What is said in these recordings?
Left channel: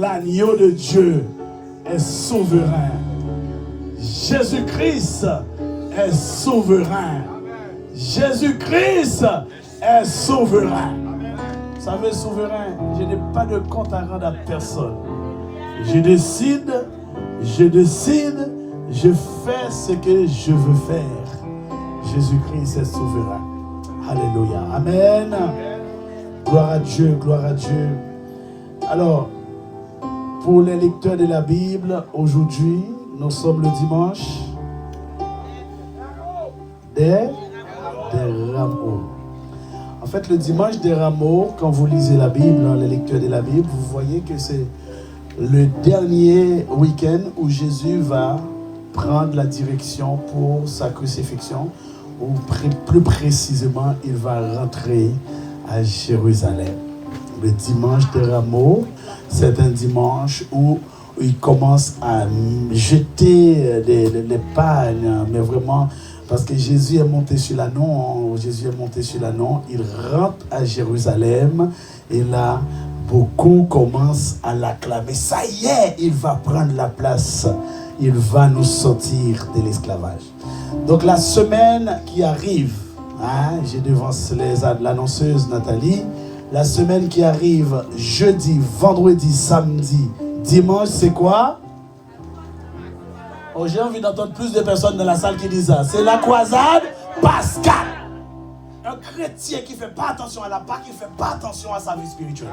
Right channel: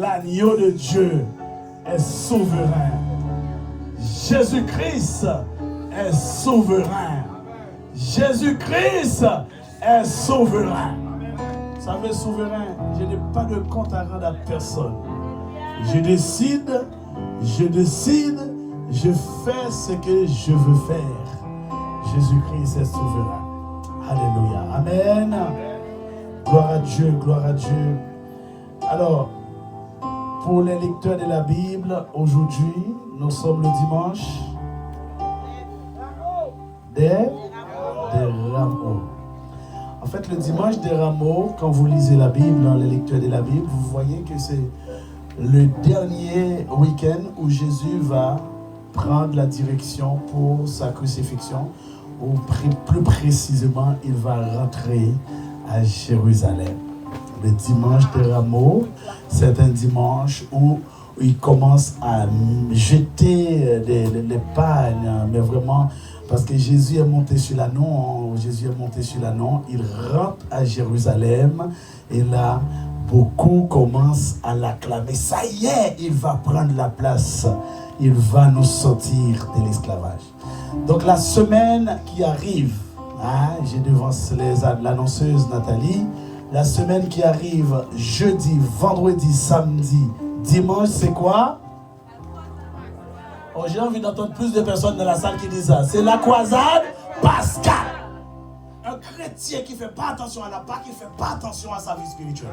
l'agneau de Dieu est souverain. Jésus-Christ est souverain. Jésus-Christ est souverain. Vous savez, souverain, je n'ai pas de compte à rendre à personne. Je décide, je fais ce que je veux faire. Jésus-Christ est souverain. Alléluia. Amen. Gloire à Dieu, gloire à Dieu. Alors, pour les lecteurs de la Bible, aujourd'hui, nous sommes le dimanche des Rameaux. En fait, le dimanche des Rameaux, quand vous lisez la Bible, les lecteurs de la Bible, vous voyez que c'est le dernier week-end où Jésus va prendre la direction pour sa crucifixion, ou plus précisément, il va rentrer à Jérusalem. Le dimanche des Rameaux, c'est un dimanche où il commence à jeter les pagnes, mais vraiment, parce que Jésus est monté sur l'ânon, il rentre à Jérusalem, et là, beaucoup commencent à l'acclamer. Ça y est, il va prendre la place, il va nous sortir de l'esclavage. Donc la semaine qui arrive, j'ai devant l'annonceuse Nathalie, la semaine qui arrive, jeudi, vendredi, samedi, dimanche, c'est quoi? Oh, j'ai envie d'entendre plus de personnes dans la salle qui disent ça. C'est la croisade pascale. Un chrétien qui ne fait pas attention à la Pâque, il ne fait pas attention à sa vie spirituelle.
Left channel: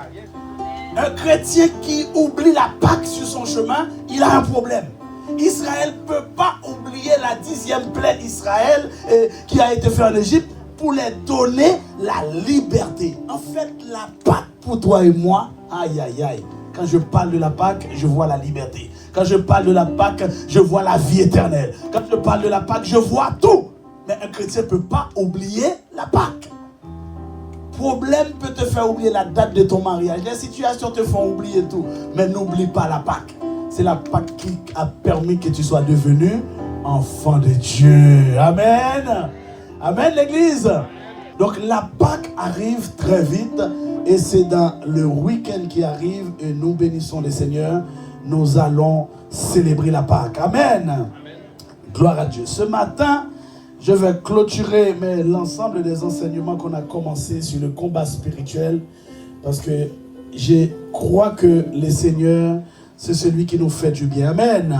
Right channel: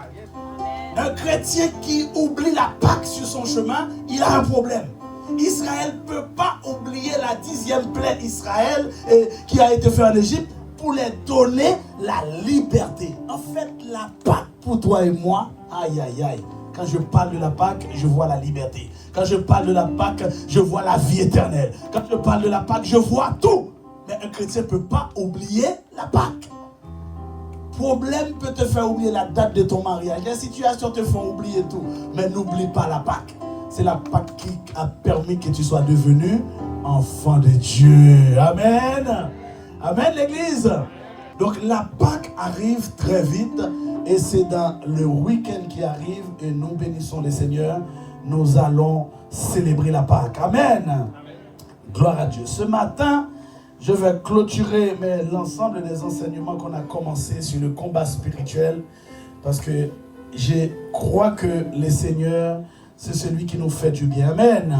Un chrétien qui oublie la Pâque sur son chemin, il a un problème. Israël ne peut pas oublier la 10e plaie d'Israël qui a été faite en Égypte pour les donner la liberté. En fait, la Pâque pour toi et moi, aïe aïe aïe. Quand je parle de la Pâque, je vois la liberté. Quand je parle de la Pâque, je vois la vie éternelle. Quand je parle de la Pâque, je vois tout. Mais un chrétien ne peut pas oublier la Pâque. Problème peut te faire oublier la date de ton mariage. Les situations te font oublier tout. Mais n'oublie pas la Pâque. C'est la Pâque qui a permis que tu sois devenu enfant de Dieu. Amen. Amen, l'église. Donc la Pâque arrive très vite. Et c'est dans le week-end qui arrive, et nous bénissons le Seigneur, nous allons célébrer la Pâque. Amen. Amen. Gloire à Dieu. Ce matin, je vais clôturer l'ensemble des enseignements qu'on a commencé sur le combat spirituel, parce que je crois que le Seigneur, c'est celui qui nous fait du bien. Amen.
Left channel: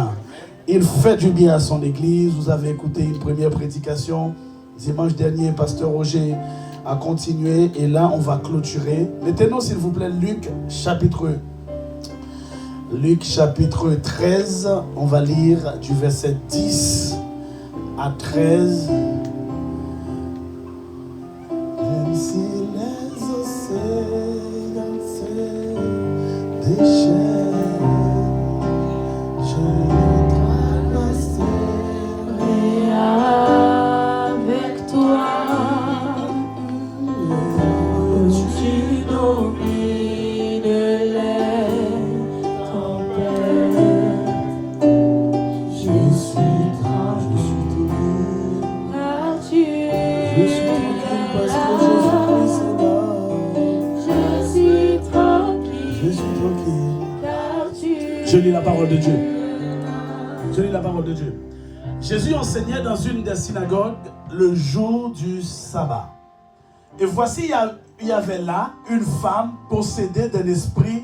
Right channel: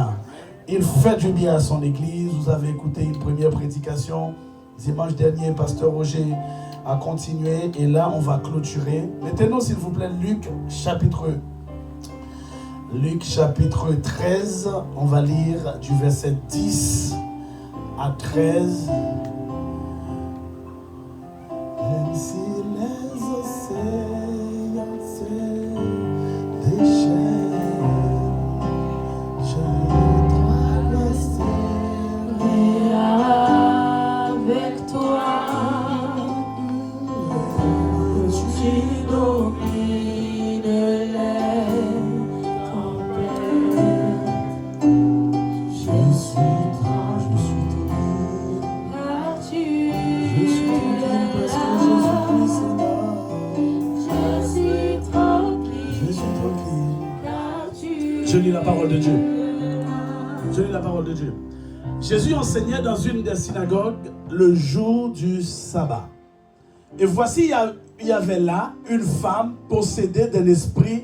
Il fait du bien à son église. Vous avez écouté une première prédication dimanche dernier, pasteur Roger a continué, et là on va clôturer. Mettez-nous s'il vous plaît Luc chapitre 13, on va lire du verset 10 à 13. Même si les océans se déchaînent, je traverserai avec toi. Tu domines les tempêtes. Je suis tranquille car tu es là. Je suis tranquille car tu es là. Je lis la parole de Dieu. Je lis la parole de Dieu. Jésus enseignait dans une des synagogues le jour du sabbat. Et voici, il y avait là une femme possédée d'un esprit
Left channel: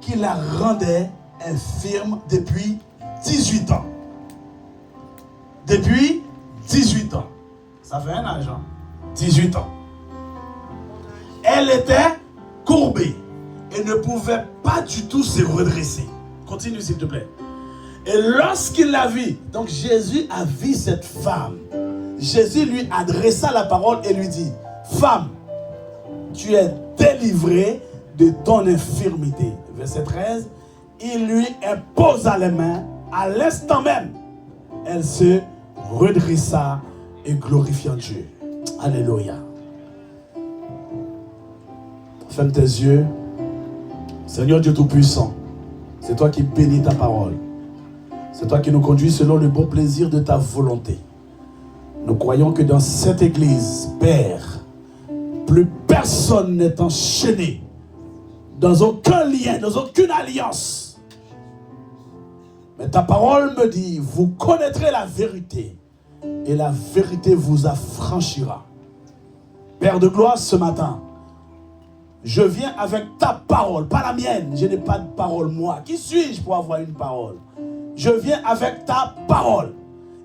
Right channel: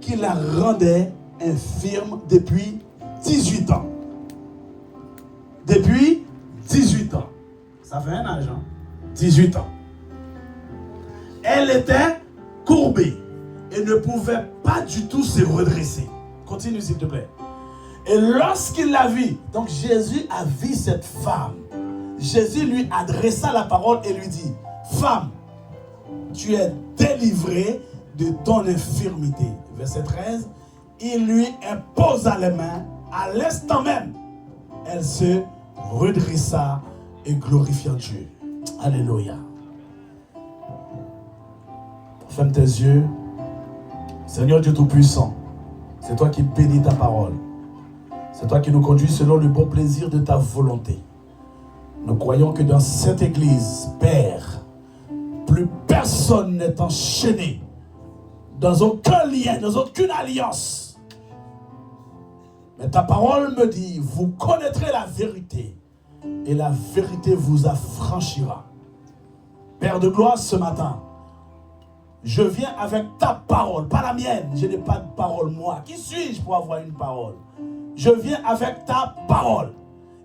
qui la rendait infirme depuis 18 ans. Depuis 18 ans. Ça fait un âge, hein? 18 ans. Elle était courbée et ne pouvait pas du tout se redresser. Continue s'il te plaît. Et lorsqu'il la vit, donc Jésus a vu cette femme. Jésus lui adressa la parole et lui dit: femme, tu es délivrée de ton infirmité. Verset 13, il lui imposa les mains. À l'instant même, elle se redressa et glorifia Dieu. Alléluia. Ferme tes yeux. Seigneur Dieu Tout-Puissant, c'est toi qui bénis ta parole. C'est toi qui nous conduis selon le bon plaisir de ta volonté. Nous croyons que dans cette église, Père, plus personne n'est enchaîné dans aucun lien, dans aucune alliance. Mais ta parole me dit, vous connaîtrez la vérité et la vérité vous affranchira. Père de gloire, ce matin, je viens avec ta parole, pas la mienne. Je n'ai pas de parole, moi. Qui suis-je pour avoir une parole? Je viens avec ta parole.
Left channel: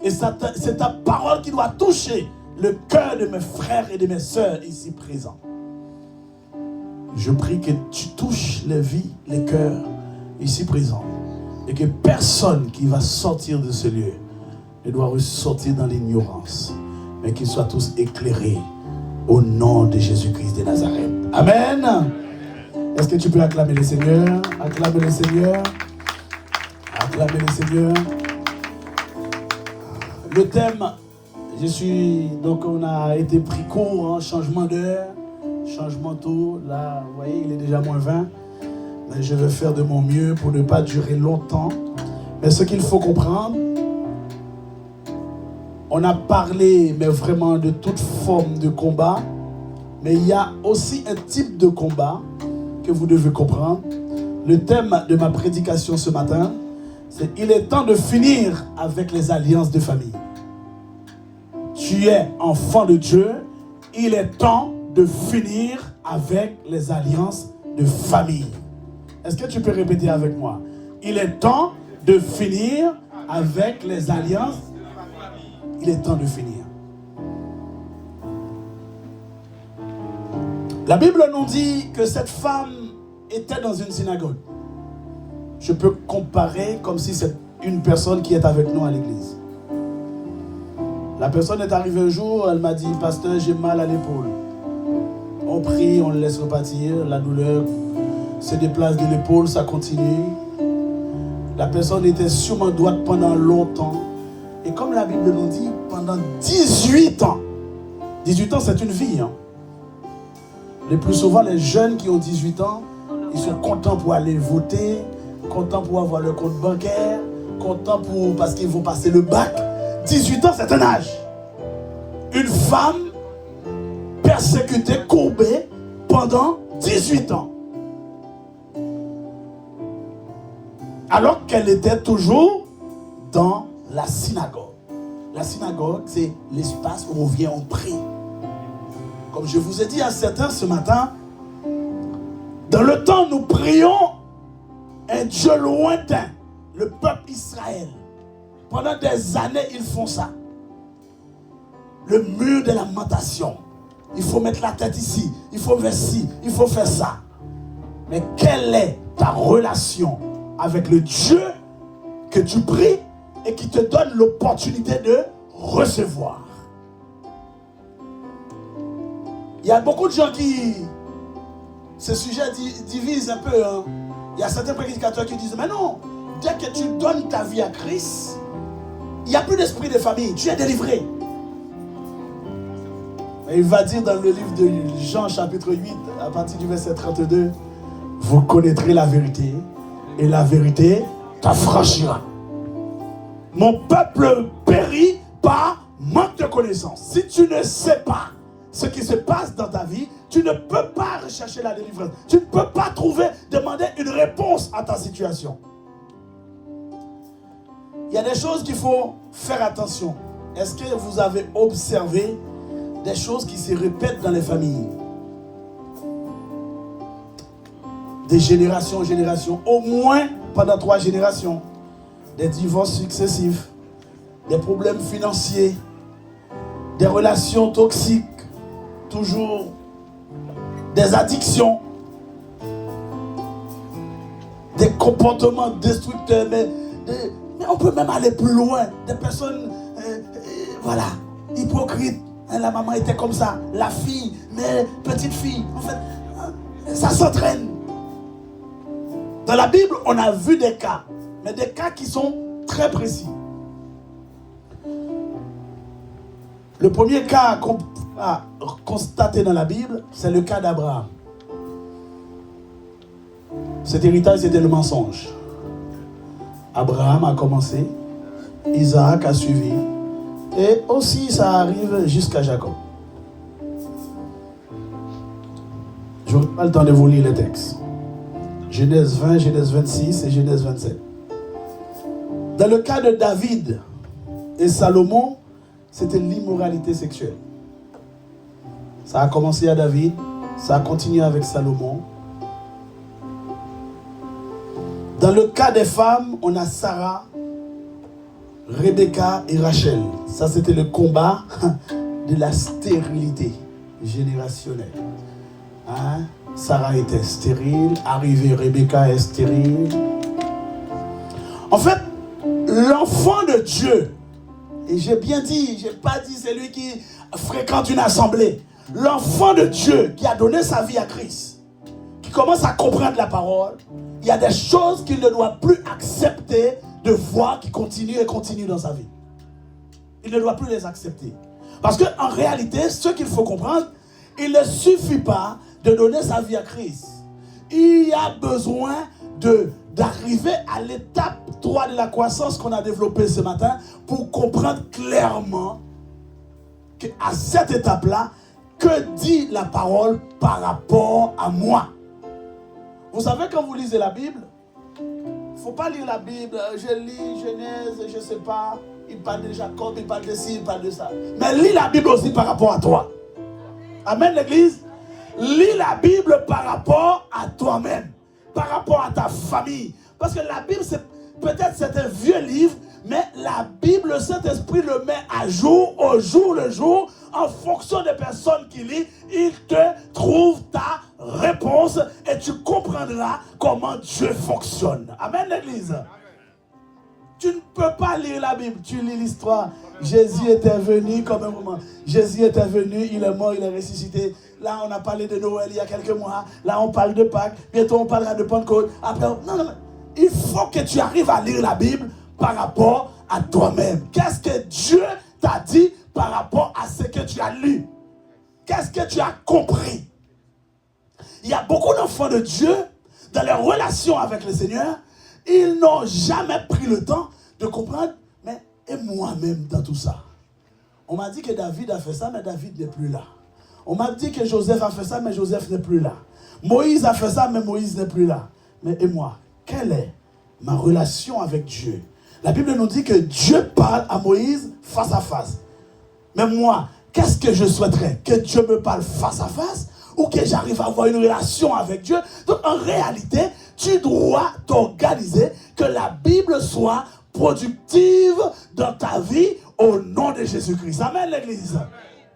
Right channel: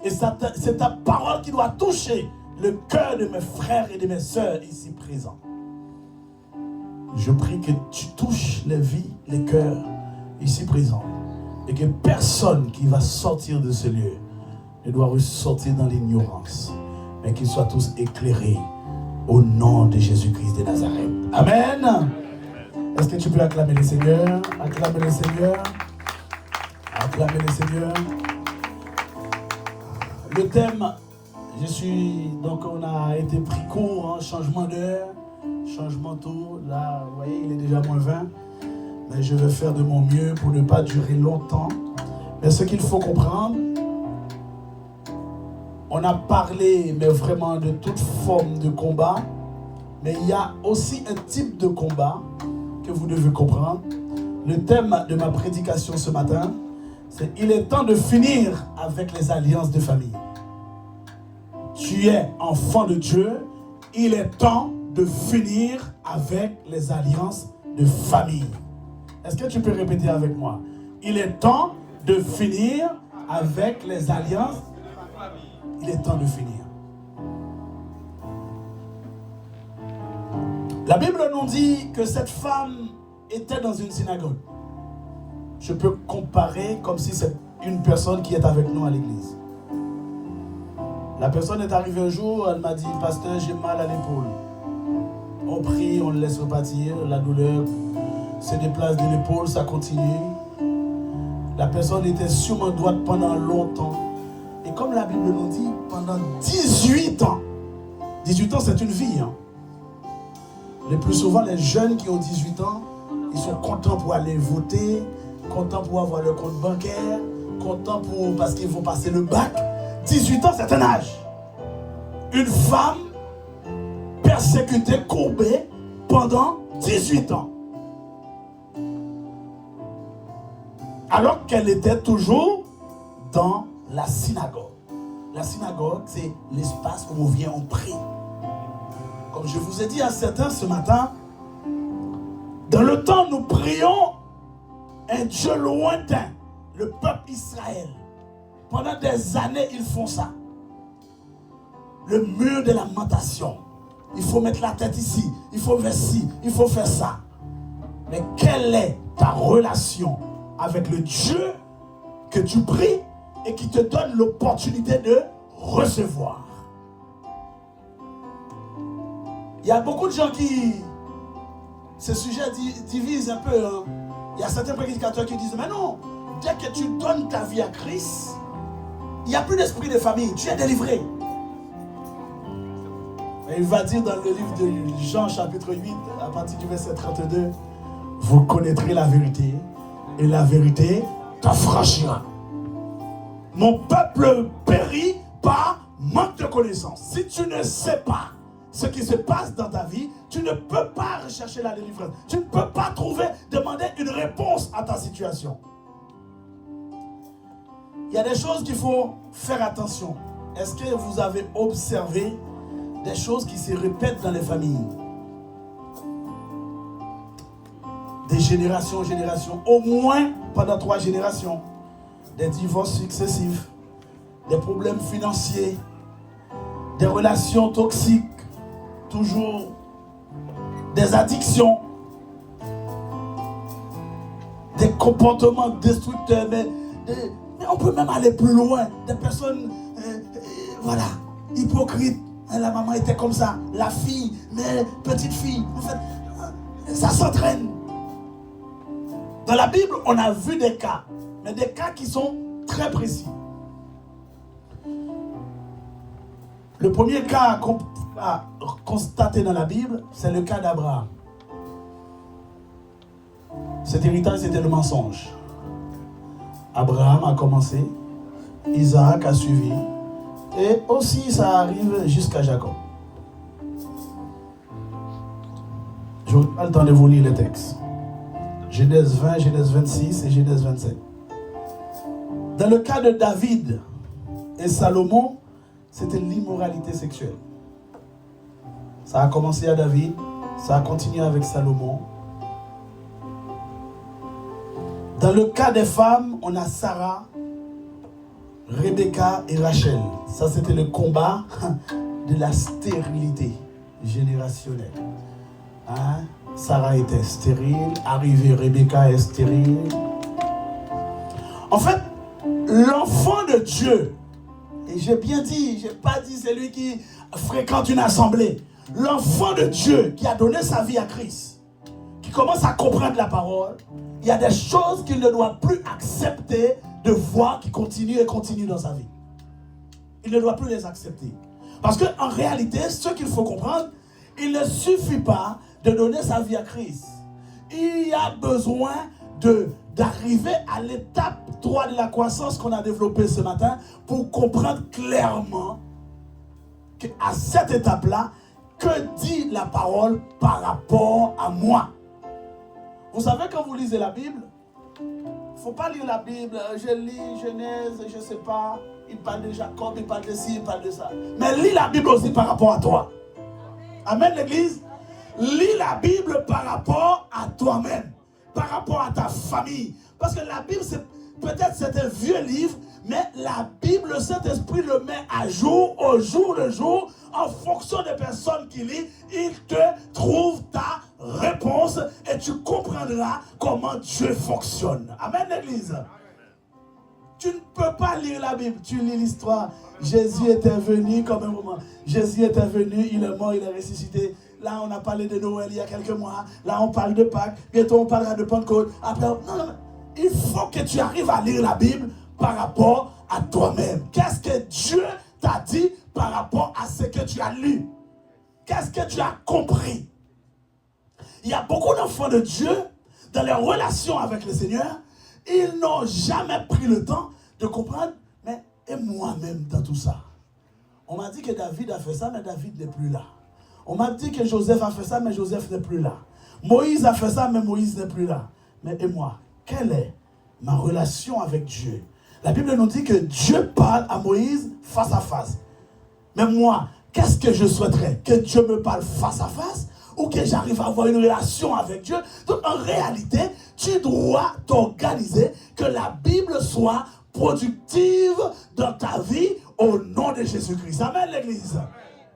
Et c'est ta parole qui doit toucher le cœur de mes frères et de mes sœurs ici présents. Je prie que tu touches les vies, les cœurs ici présents. Et que personne qui va sortir de ce lieu ne doit ressortir dans l'ignorance. Mais qu'ils soient tous éclairés au nom de Jésus-Christ de Nazareth. Amen. Est-ce que tu peux acclamer le Seigneur? Acclamer le Seigneur. Acclamer le Seigneur. Le thème, donc on a été pris court, hein, changement d'heure, changement tôt. Là, vous voyez, il est déjà moins 20. Mais je vais faire de mon mieux pour ne pas durer longtemps. Mais ce qu'il faut comprendre, on a parlé, mais vraiment de toute forme de combat. Mais il y a aussi un type de combat que vous devez comprendre. Le thème de ma prédication ce matin, c'est « Il est temps de finir avec les alliances de famille ». Tu es enfant de Dieu, il est temps de finir avec les alliances de famille. Est-ce que tu peux répéter avec moi? Il est temps de finir avec les alliances. Il est temps de finir. La Bible nous dit que cette femme était dans une synagogue. Je peux comparer comme si c'est une personne qui est avec nous à l'église. La personne est arrivée un jour, elle m'a dit, pasteur, j'ai mal à l'épaule. On prie, on le laisse repartir, la douleur se déplace de l'épaule, ça continue. La personne était sûrement droite pendant longtemps. Et comme la Bible nous dit, pendant 18 ans. 18 ans, c'est une vie. Hein. Le plus souvent, les jeunes qui ont 18 ans, ils sont contents pour aller voter, contents pour avoir leur compte bancaire, contents parce qu'ils vont passer le bac. 18 ans, c'est un âge. Une femme persécutée, courbée pendant 18 ans. Alors qu'elle était toujours dans la synagogue. La synagogue, c'est l'espace où on vient, on prie. Comme je vous ai dit à certains ce matin, dans le temps, nous prions un Dieu lointain, le peuple Israël. Pendant des années, ils font ça. Le mur de lamentation. Il faut mettre la tête ici, il faut faire ci, il faut faire ça. Mais quelle est ta relation avec le Dieu que tu pries et qui te donne l'opportunité de recevoir? Il y a beaucoup de gens qui... Ce sujet divise un peu. Hein. Il y a certains prédicateurs qui disent, mais non, dès que tu donnes ta vie à Christ, il n'y a plus d'esprit de famille, tu es délivré. Et il va dire dans le livre de Jean chapitre 8, à partir du verset 32, vous connaîtrez la vérité, et la vérité t'affranchira. Mon peuple périt par manque de connaissance. Si tu ne sais pas ce qui se passe dans ta vie, tu ne peux pas rechercher la délivrance. Tu ne peux pas demander une réponse à ta situation. Il y a des choses qu'il faut faire attention. Est-ce que vous avez observé des choses qui se répètent dans les familles? Des générations en génération, au moins pendant 3 générations. Des divorces successifs, des problèmes financiers, des relations toxiques, toujours des addictions, des comportements destructeurs, mais on peut même aller plus loin. Des personnes, voilà, hypocrites. La maman était comme ça, la fille, mais petite fille, en fait, ça s'entraîne. Dans la Bible, on a vu des cas, mais des cas qui sont très précis. Le premier cas qu'on a constaté dans la Bible, c'est le cas d'Abraham. Cet héritage, c'était le mensonge. Abraham a commencé, Isaac a suivi, et aussi ça arrive jusqu'à Jacob. Je n'ai pas le temps de vous lire les textes. Genèse 20, Genèse 26 et Genèse 27. Dans le cas de David et Salomon, c'était l'immoralité sexuelle. Ça a commencé à David, ça a continué avec Salomon. Dans le cas des femmes, on a Sarah, Rebecca et Rachel. Ça, c'était le combat de la stérilité générationnelle. Hein? Sarah était stérile, arrivée Rebecca est stérile. En fait, l'enfant de Dieu, et j'ai bien dit, je n'ai pas dit c'est lui qui fréquente une assemblée. L'enfant de Dieu qui a donné sa vie à Christ, qui commence à comprendre la parole, il y a des choses qu'il ne doit plus accepter de voir qui continuent et continuent dans sa vie. Il ne doit plus les accepter. Parce qu'en réalité, ce qu'il faut comprendre, il ne suffit pas de donner sa vie à Christ. Il y a besoin d'arriver à l'étape 3 de la croissance qu'on a développée ce matin pour comprendre clairement qu'à cette étape-là, que dit la parole par rapport à moi? Vous savez, quand vous lisez la Bible, il ne faut pas lire la Bible, je lis Genèse, je ne sais pas, il parle de Jacob, il parle de ci, il parle de ça. Mais lis la Bible aussi par rapport à toi. Amen, l'église. Lis la Bible par rapport à toi-même, par rapport à ta famille. Parce que la Bible, peut-être c'est un vieux livre, mais la Bible, le Saint-Esprit le met à jour, au jour le jour, en fonction des personnes qui lisent, il te trouve ta réponse et tu comprendras comment Dieu fonctionne. Amen, l'église. Tu ne peux pas lire la Bible, tu lis l'histoire. Jésus était venu comme un moment. Jésus était venu, il est mort, il est ressuscité. Là, on a parlé de Noël il y a quelques mois. Là, on parle de Pâques. Bientôt, on parlera de Pentecôte. Après, non, il faut que tu arrives à lire la Bible par rapport à toi-même. Qu'est-ce que Dieu t'a dit par rapport à ce que tu as lu? Qu'est-ce que tu as compris? Il y a beaucoup d'enfants de Dieu, dans leur relation avec le Seigneur, ils n'ont jamais pris le temps de comprendre, mais et moi-même dans tout ça. On m'a dit que David a fait ça, mais David n'est plus là. On m'a dit que Joseph a fait ça, mais Joseph n'est plus là. Moïse a fait ça, mais Moïse n'est plus là. Mais et moi, quelle est ma relation avec Dieu? La Bible nous dit que Dieu parle à Moïse face à face. Mais moi, qu'est-ce que je souhaiterais? Que Dieu me parle face à face ou que j'arrive à avoir une relation avec Dieu? Donc en réalité, tu dois t'organiser que la Bible soit productive dans ta vie au nom de Jésus-Christ. Amen, l'église.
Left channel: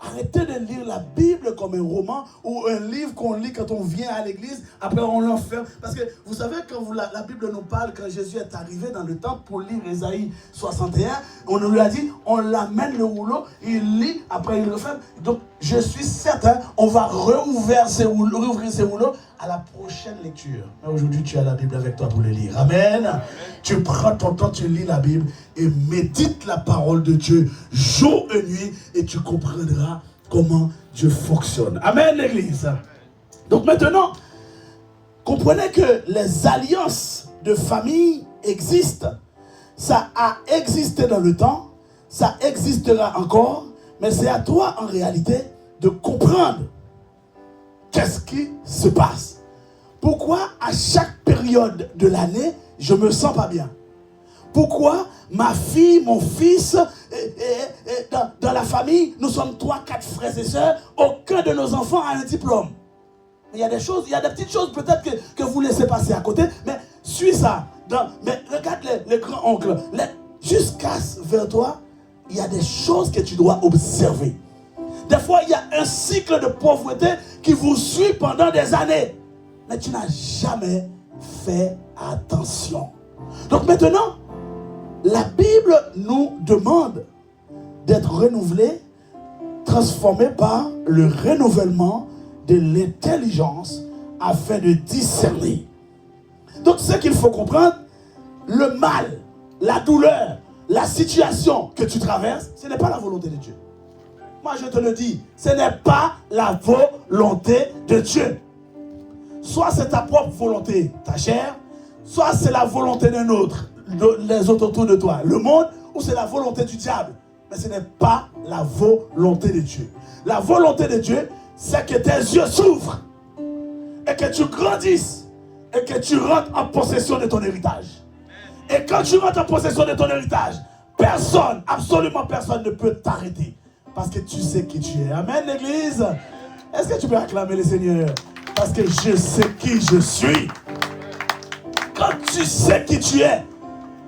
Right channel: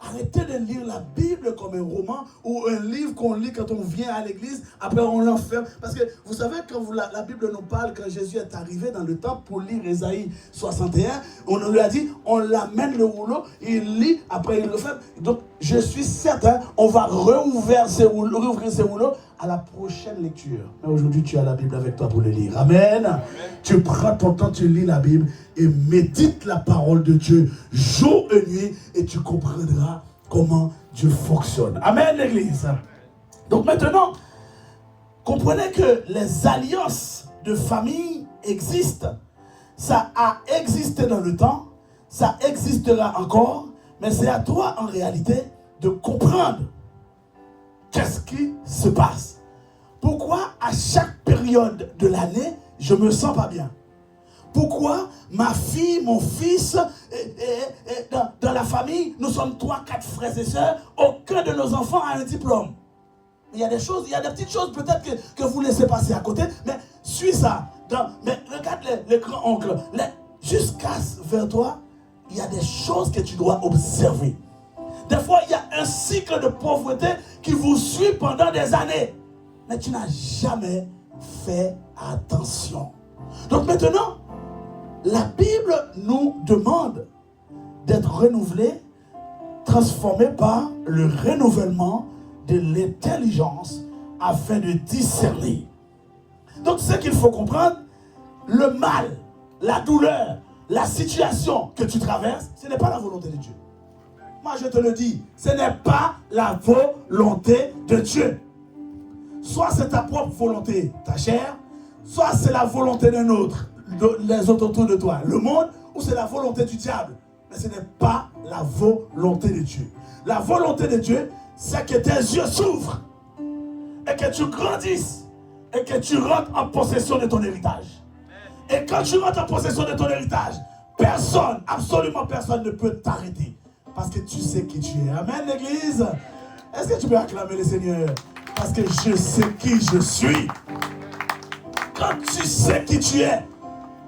Arrêtez de lire la Bible comme un roman ou un livre qu'on lit quand on vient à l'église, après on l'enferme. Parce que vous savez, quand la Bible nous parle, quand Jésus est arrivé dans le temple pour lire Ésaïe 61, on nous lui a dit, on l'amène le rouleau, il lit, après il le ferme. Donc je suis certain, on va rouvrir ces rouleaux à la prochaine lecture. Mais aujourd'hui, tu as la Bible avec toi pour le lire. Amen. Amen. Tu prends ton temps, tu lis la Bible et médite la parole de Dieu jour et nuit et tu comprendras comment Dieu fonctionne. Amen, l'église. Donc maintenant, comprenez que les alliances de famille existent. Ça a existé dans le temps, ça existera encore, mais c'est à toi en réalité de comprendre qu'est-ce qui se passe. Pourquoi à chaque période de l'année, je ne me sens pas bien? Pourquoi ma fille, mon fils, dans la famille, nous sommes 3, 4 frères et sœurs, aucun de nos enfants a un diplôme. Il y a des choses, il y a des petites choses peut-être que vous laissez passer à côté, mais suis ça. Mais regarde les grands-oncles. Jusqu'à vers toi, il y a des choses que tu dois observer. Des fois, il y a un cycle de pauvreté qui vous suit pendant des années. Mais tu n'as jamais fait attention. Donc maintenant, la Bible nous demande d'être renouvelés, transformés par le renouvellement de l'intelligence afin de discerner. Donc ce qu'il faut comprendre, le mal, la douleur, la situation que tu traverses, ce n'est pas la volonté de Dieu. Moi je te le dis, ce n'est pas la volonté de Dieu. Soit c'est ta propre volonté, ta chair, soit c'est la volonté d'un autre, les autres autour de toi, le monde, ou c'est la volonté du diable. Mais ce n'est pas la volonté de Dieu. La volonté de Dieu, c'est que tes yeux s'ouvrent et que tu grandisses, et que tu rentres en possession de ton héritage. Et quand tu rentres en possession de ton héritage, personne, absolument personne ne peut t'arrêter. Parce que tu sais qui tu es. Amen, l'église. Est-ce que tu peux acclamer le Seigneur? Parce que je sais qui je suis. Quand tu sais qui tu es,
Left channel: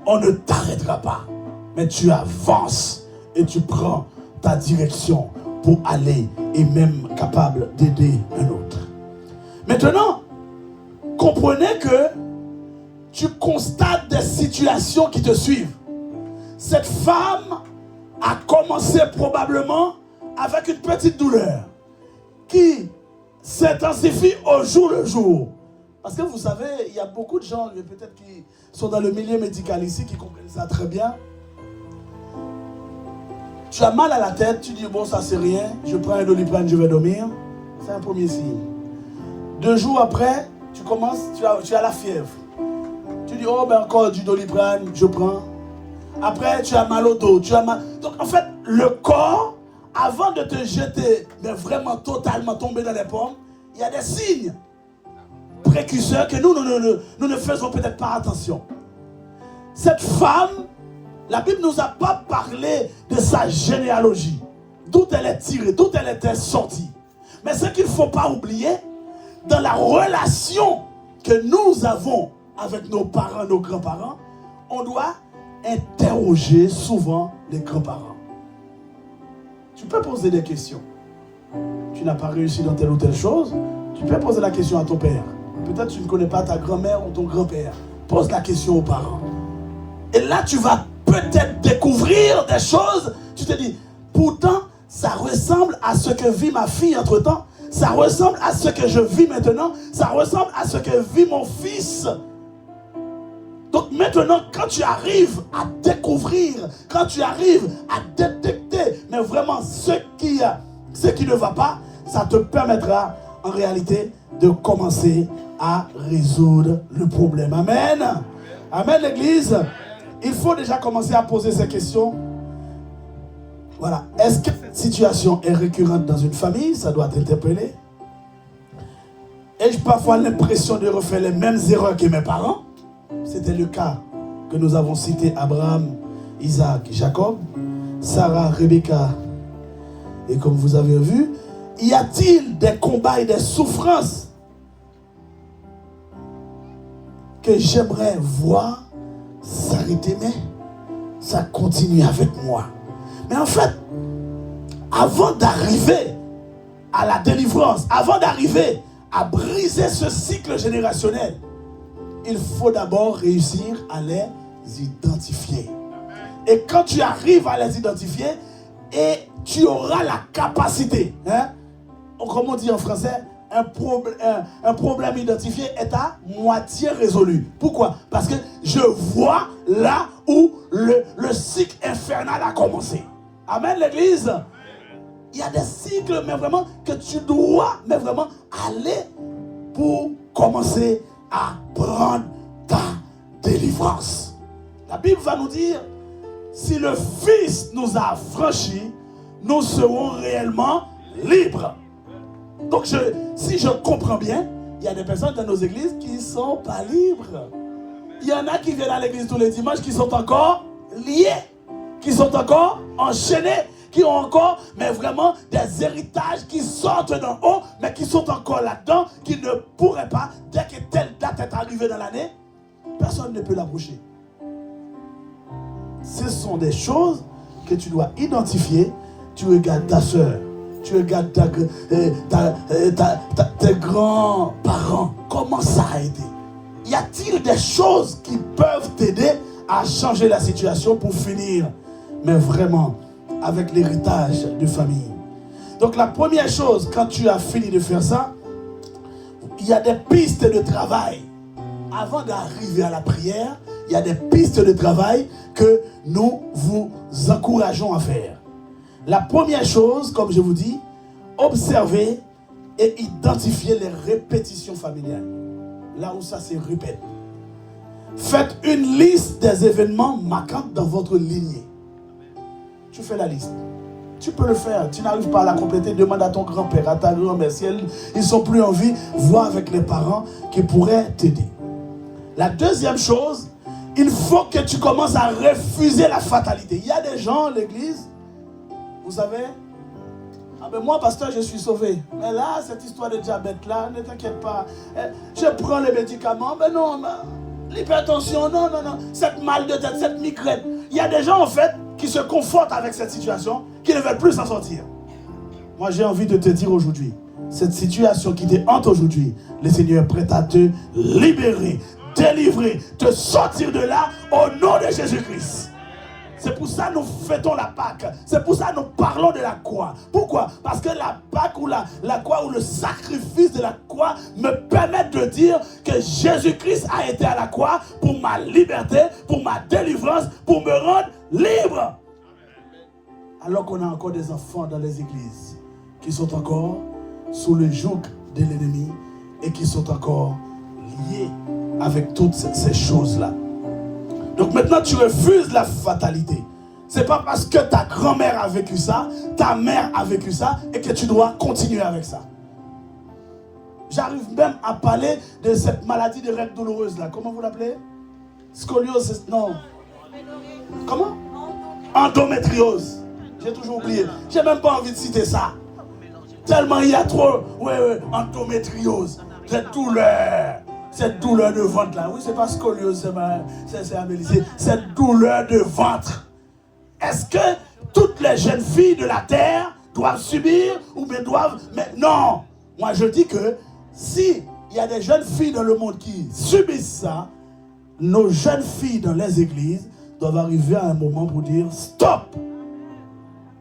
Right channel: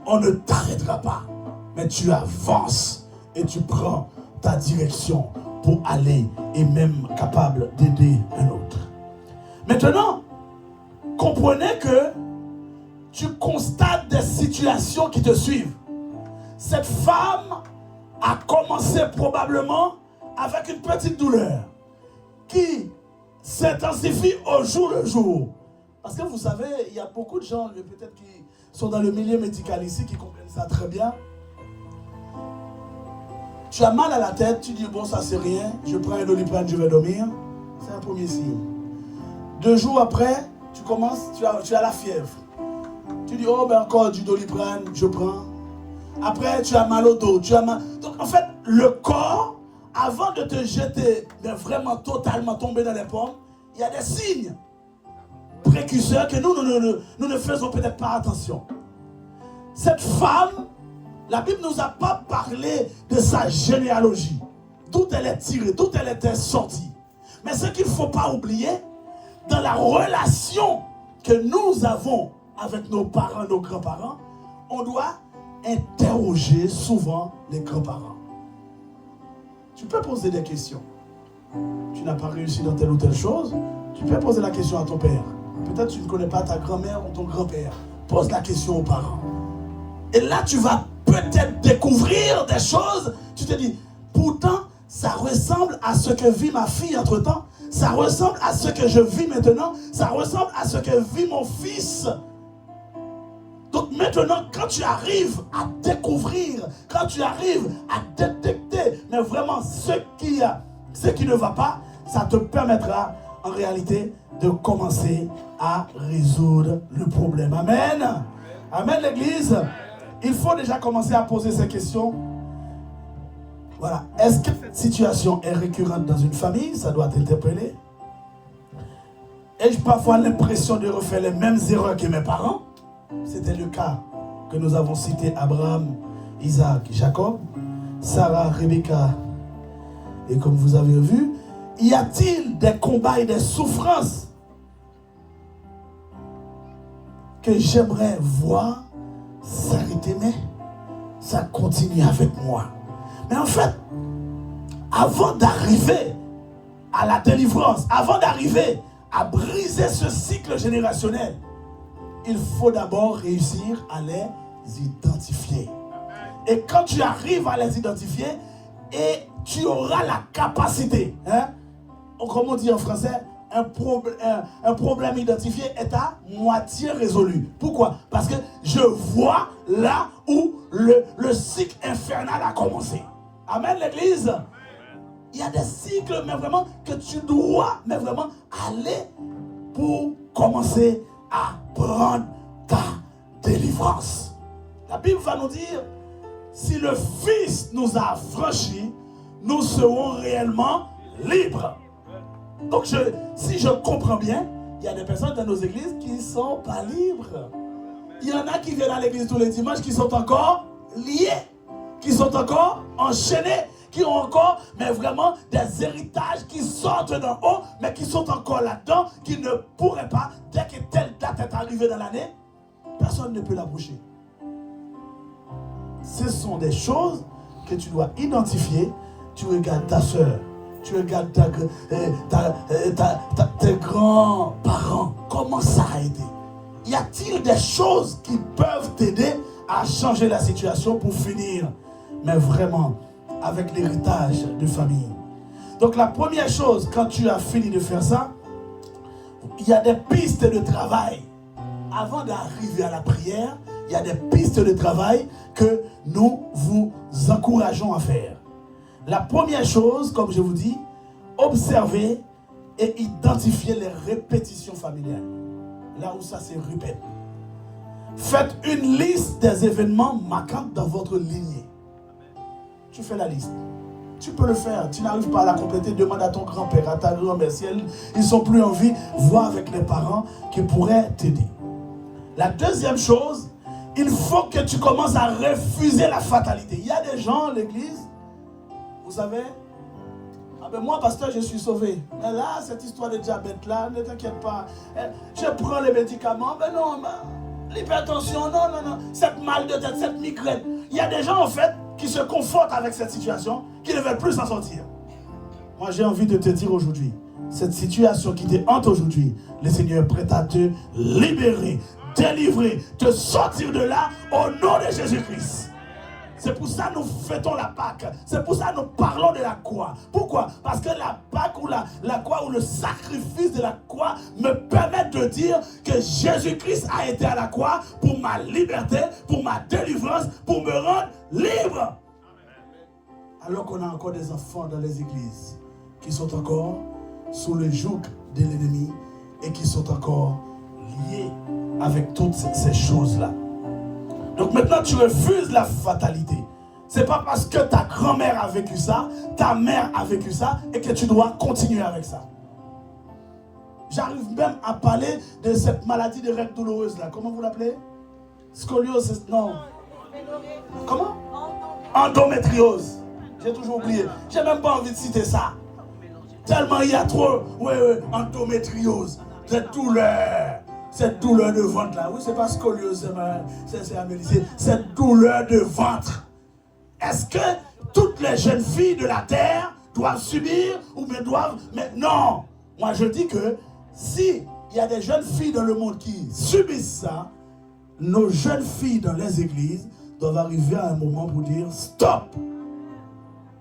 on ne t'arrêtera pas. Mais tu avances et tu prends ta direction pour aller et même capable d'aider un autre. Maintenant, comprenez que tu constates des situations qui te suivent. Cette femme a commencé probablement avec une petite douleur qui s'intensifie au jour le jour. Parce que vous savez, il y a beaucoup de gens, peut-être qui sont dans le milieu médical ici, qui comprennent ça très bien. Tu as mal à la tête, tu dis bon ça c'est rien, je prends un Doliprane, je vais dormir. C'est un premier signe. 2 jours après, tu commences, tu as la fièvre. Tu dis oh ben encore du Doliprane, je prends. Après tu as mal au dos, tu as mal. Donc en fait, le corps, avant de te jeter, de vraiment totalement tomber dans les pommes, il y a des signes précurseurs que nous ne faisons peut-être pas attention. Cette femme, la Bible ne nous a pas parlé de sa généalogie, d'où elle est tirée, d'où elle était sortie. Mais ce qu'il ne faut pas oublier, dans la relation que nous avons avec nos parents, nos grands-parents, on doit interroger souvent les grands-parents. Tu peux poser des questions. Tu n'as pas réussi dans telle ou telle chose, tu peux poser la question à ton père. Peut-être tu ne connais pas ta grand-mère ou ton grand-père. Pose la question aux parents. Et là, tu vas peut-être découvrir des choses. Tu te dis, pourtant, ça ressemble à ce que vit ma fille entre-temps. Ça ressemble à ce que je vis maintenant. Ça ressemble à ce que vit mon fils. Donc maintenant, quand tu arrives à découvrir, quand tu arrives à détecter, mais vraiment ce qui ne va pas, ça te permettra en réalité de commencer à résoudre le problème. Amen. Amen, l'église. Il faut déjà commencer à poser ces questions. Voilà. Est-ce que cette situation est récurrente dans une famille? Ça doit t'interpeller. Ai-je parfois l'impression de refaire les mêmes erreurs que mes parents? C'était le cas que nous avons cité: Abraham, Isaac, Jacob, Sarah, Rebecca. Et comme vous avez vu, y a-t-il des combats et des souffrances que j'aimerais voir s'arrêter, mais ça continue avec moi? Mais en fait, avant d'arriver à la délivrance, avant d'arriver à briser ce cycle générationnel, il faut d'abord réussir à les identifier. Et quand tu arrives à les identifier, et tu auras la capacité, comme on dit en français, un problème identifié est à moitié résolu. Pourquoi? Parce que je vois là où le cycle infernal a commencé. Amen, l'église. Il y a des cycles, mais vraiment, que tu dois, mais vraiment, aller pour commencer à prendre ta délivrance. La Bible va nous dire, si le Fils nous a affranchis, nous serons réellement libres. Donc, si je comprends bien, il y a des personnes dans nos églises qui ne sont pas libres. Il y en a qui viennent à l'église tous les dimanches qui sont encore liés, qui sont encore enchaînés, qui ont encore, mais vraiment, des héritages qui sortent d'en haut, mais qui sont encore là-dedans, qui ne pourraient pas, dès que telle date est arrivée dans l'année, personne ne peut l'approcher. Ce sont des choses que tu dois identifier. Tu regardes ta soeur, tu regardes tes grands-parents, comment ça a été? Y a-t-il des choses qui peuvent t'aider à changer la situation pour finir, mais vraiment, avec l'héritage de famille? Donc la première chose, quand tu as fini de faire ça, il y a des pistes de travail. Avant d'arriver à la prière, il y a des pistes de travail que nous vous encourageons à faire. La première chose, comme je vous dis, observer et identifier les répétitions familiales. Là où ça se répète. Faites une liste des événements marquants dans votre lignée. Tu fais la liste. Tu peux le faire. Tu n'arrives pas à la compléter. Demande à ton grand-père, à ta grand-mère. Si ils ne sont plus en vie, vois avec les parents qui pourraient t'aider. La deuxième chose, il faut que tu commences à refuser la fatalité. Il y a des gens, l'église, vous savez, ah ben moi, pasteur, je suis sauvé. Mais là, cette histoire de diabète-là, ne t'inquiète pas. Je prends les médicaments, mais non, l'hypertension, non. Cette mal de tête, cette migraine. Il y a des gens, en fait, qui se confortent avec cette situation, qui ne veulent plus s'en sortir. Moi, j'ai envie de te dire aujourd'hui, cette situation qui te hante aujourd'hui, le Seigneur est prêt à te libérer, délivrer, te sortir de là au nom de Jésus-Christ. C'est pour ça que nous fêtons la Pâque. C'est pour ça que nous parlons de la croix. Pourquoi? Parce que la Pâque ou la croix ou le sacrifice de la croix me permet de dire que Jésus-Christ a été à la croix pour ma liberté, pour ma délivrance, pour me rendre libre. Alors qu'on a encore des enfants dans les églises qui sont encore sous le joug de l'ennemi et qui sont encore liés avec toutes ces choses-là. Donc maintenant, tu refuses la fatalité. Ce n'est pas parce que ta grand-mère a vécu ça, ta mère a vécu ça, et que tu dois continuer avec ça. J'arrive même à parler de cette maladie de règles douloureuses là. Comment vous l'appelez? Scoliose, non. Comment? Endométriose. J'ai toujours oublié. J'ai même pas envie de citer ça. Tellement il y a trop, endométriose, cette douleur de ventre là. Oui, c'est pas scoliose, c'est Amélie. Cette douleur de ventre. Est-ce que toutes les jeunes filles de la terre doivent subir ou bien doivent... Mais non. Moi je dis que si il y a des jeunes filles dans le monde qui subissent ça, nos jeunes filles dans les églises doivent arriver à un moment pour dire stop.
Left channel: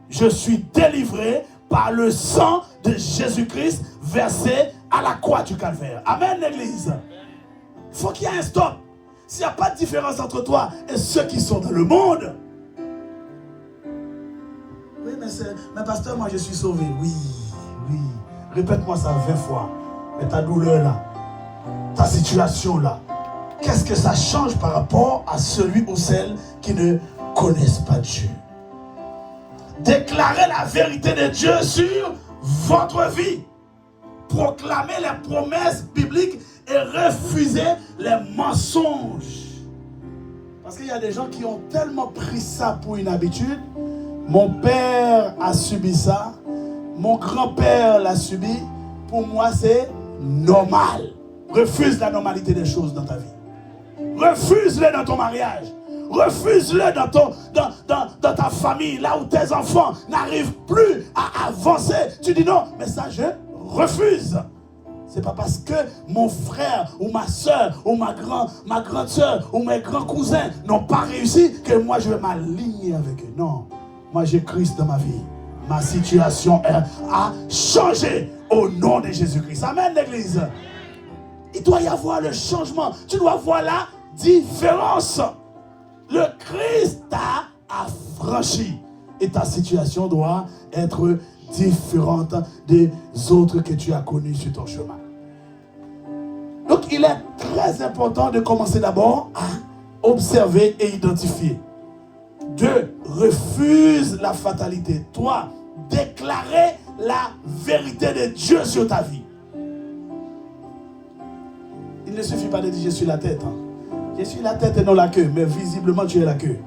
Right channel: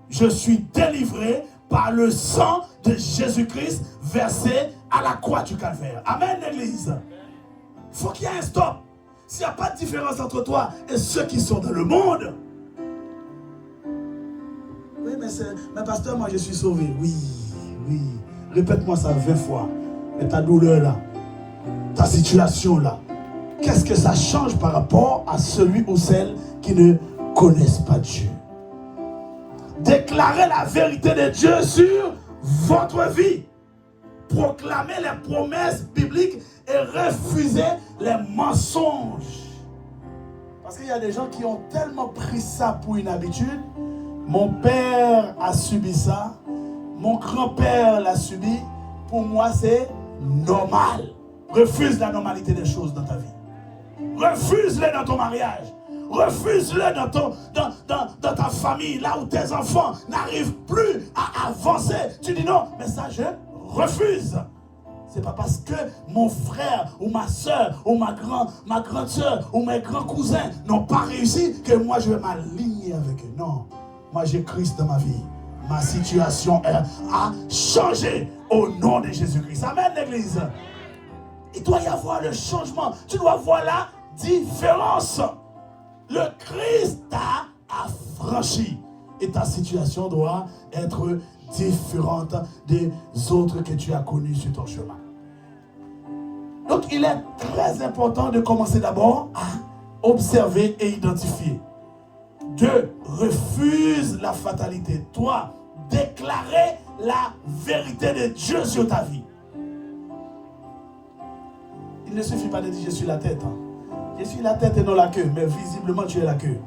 Je suis délivré par le sang de Jésus-Christ versé à la croix du calvaire. Amen, l'église. Il faut qu'il y ait un stop. S'il n'y a pas de différence entre toi et ceux qui sont dans le monde. Oui, mais pasteur, moi je suis sauvé. Oui. Répète-moi ça 20 fois. Mais ta douleur là, ta situation là, qu'est-ce que ça change par rapport à celui ou celle qui ne connaissent pas Dieu? Déclarez la vérité de Dieu sur votre vie. Proclamez les promesses bibliques et refusez les mensonges. Parce qu'il y a des gens qui ont tellement pris ça pour une habitude. Mon père a subi ça. Mon grand-père l'a subi. Pour moi, c'est normal. Refuse la normalité des choses dans ta vie. Refuse-le dans ton mariage. Refuse-le dans ta famille, là où tes enfants n'arrivent plus à avancer. Tu dis non, mais ça je refuse. C'est pas parce que mon frère ou ma soeur ou ma grande soeur ou mes grands cousins n'ont pas réussi que moi je vais m'aligner avec eux. Non, moi j'ai Christ dans ma vie. Ma situation a changé au nom de Jésus-Christ. Amen, l'église. Il doit y avoir le changement. Tu dois voir la différence. Le Christ t'a affranchi. Et ta situation doit être différente des autres que tu as connus sur ton chemin. Donc il est très important de commencer d'abord à observer et identifier. 2. Refuse la fatalité. 3. Déclarer la vérité de Dieu sur ta vie. Il ne suffit pas de dire je suis la tête. Je suis la tête et non la queue, mais visiblement tu es la queue.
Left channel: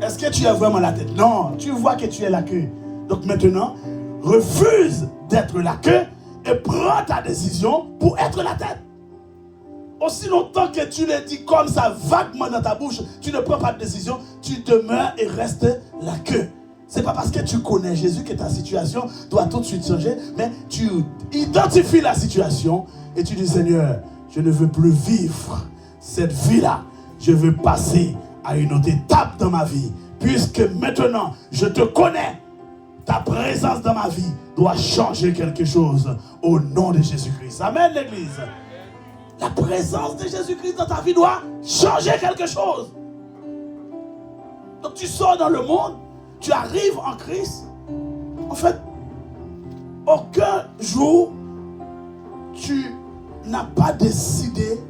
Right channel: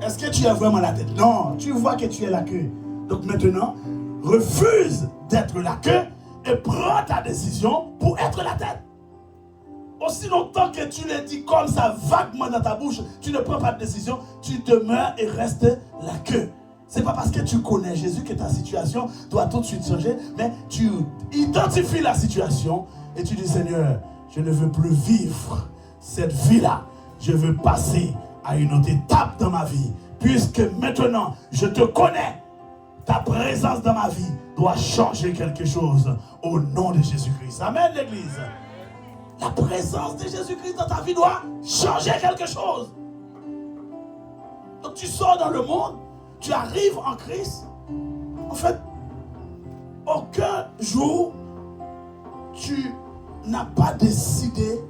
Est-ce que tu es vraiment la tête? Non, tu vois que tu es la queue. Donc maintenant, refuse d'être la queue et prends ta décision pour être la tête. Aussi longtemps que tu le dis comme ça vaguement dans ta bouche, tu ne prends pas de décision, tu demeures et restes la queue. C'est pas parce que tu connais Jésus que ta situation doit tout de suite changer, mais tu identifies la situation et tu dis Seigneur, je ne veux plus vivre cette vie-là. Je veux passer à une autre étape dans ma vie. Puisque maintenant, je te connais. Ta présence dans ma vie doit changer quelque chose au nom de Jésus-Christ. Amen, l'église. La présence de Jésus-Christ dans ta vie doit changer quelque chose. Donc tu sors dans le monde, tu arrives en Christ. En fait, aucun jour, tu n'as pas décidé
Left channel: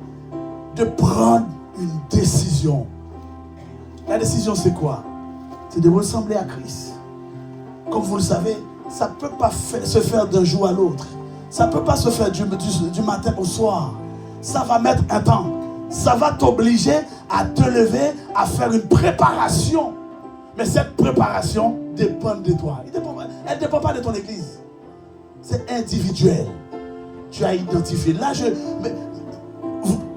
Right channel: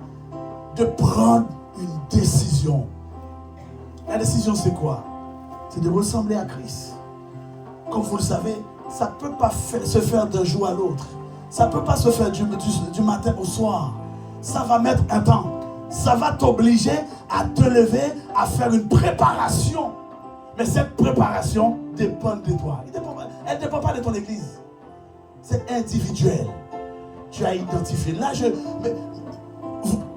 de prendre une décision. La décision, c'est quoi? C'est de ressembler à Christ. comme vous le savez, ça ne peut pas se faire d'un jour à l'autre. Ça ne peut pas se faire du matin au soir. Ça va mettre un temps. Ça va t'obliger à te lever, à faire une préparation. Mais cette préparation dépend de toi. Elle ne dépend pas de ton église. C'est individuel. Tu as identifié. Là,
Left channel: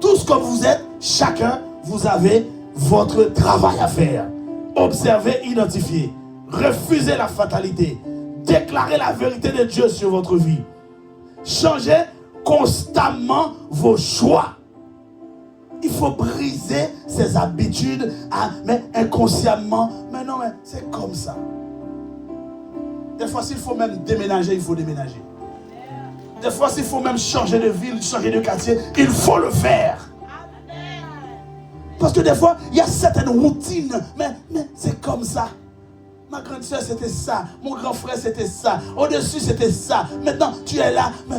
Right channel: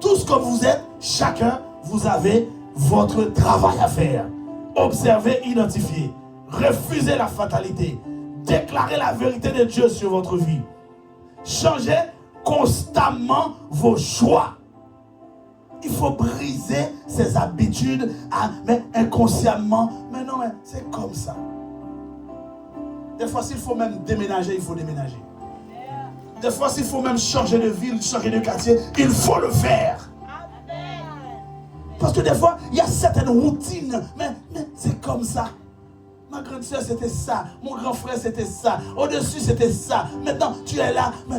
tous comme vous êtes, chacun, vous avez votre travail à faire. Observez, identifiez. Refusez la fatalité. Déclarez la vérité de Dieu sur votre vie. Changez constamment vos choix. Il faut briser ces habitudes, mais inconsciemment. Mais non, mais c'est comme ça. Des fois, s'il faut même déménager, il faut déménager. Des fois, s'il faut même changer de ville, changer de quartier, il faut le faire. Parce que des fois, il y a certaines routines, mais c'est comme ça. Ma grande soeur, c'était ça. Mon grand frère, c'était ça. Au-dessus, c'était ça. Maintenant, tu es là. Mais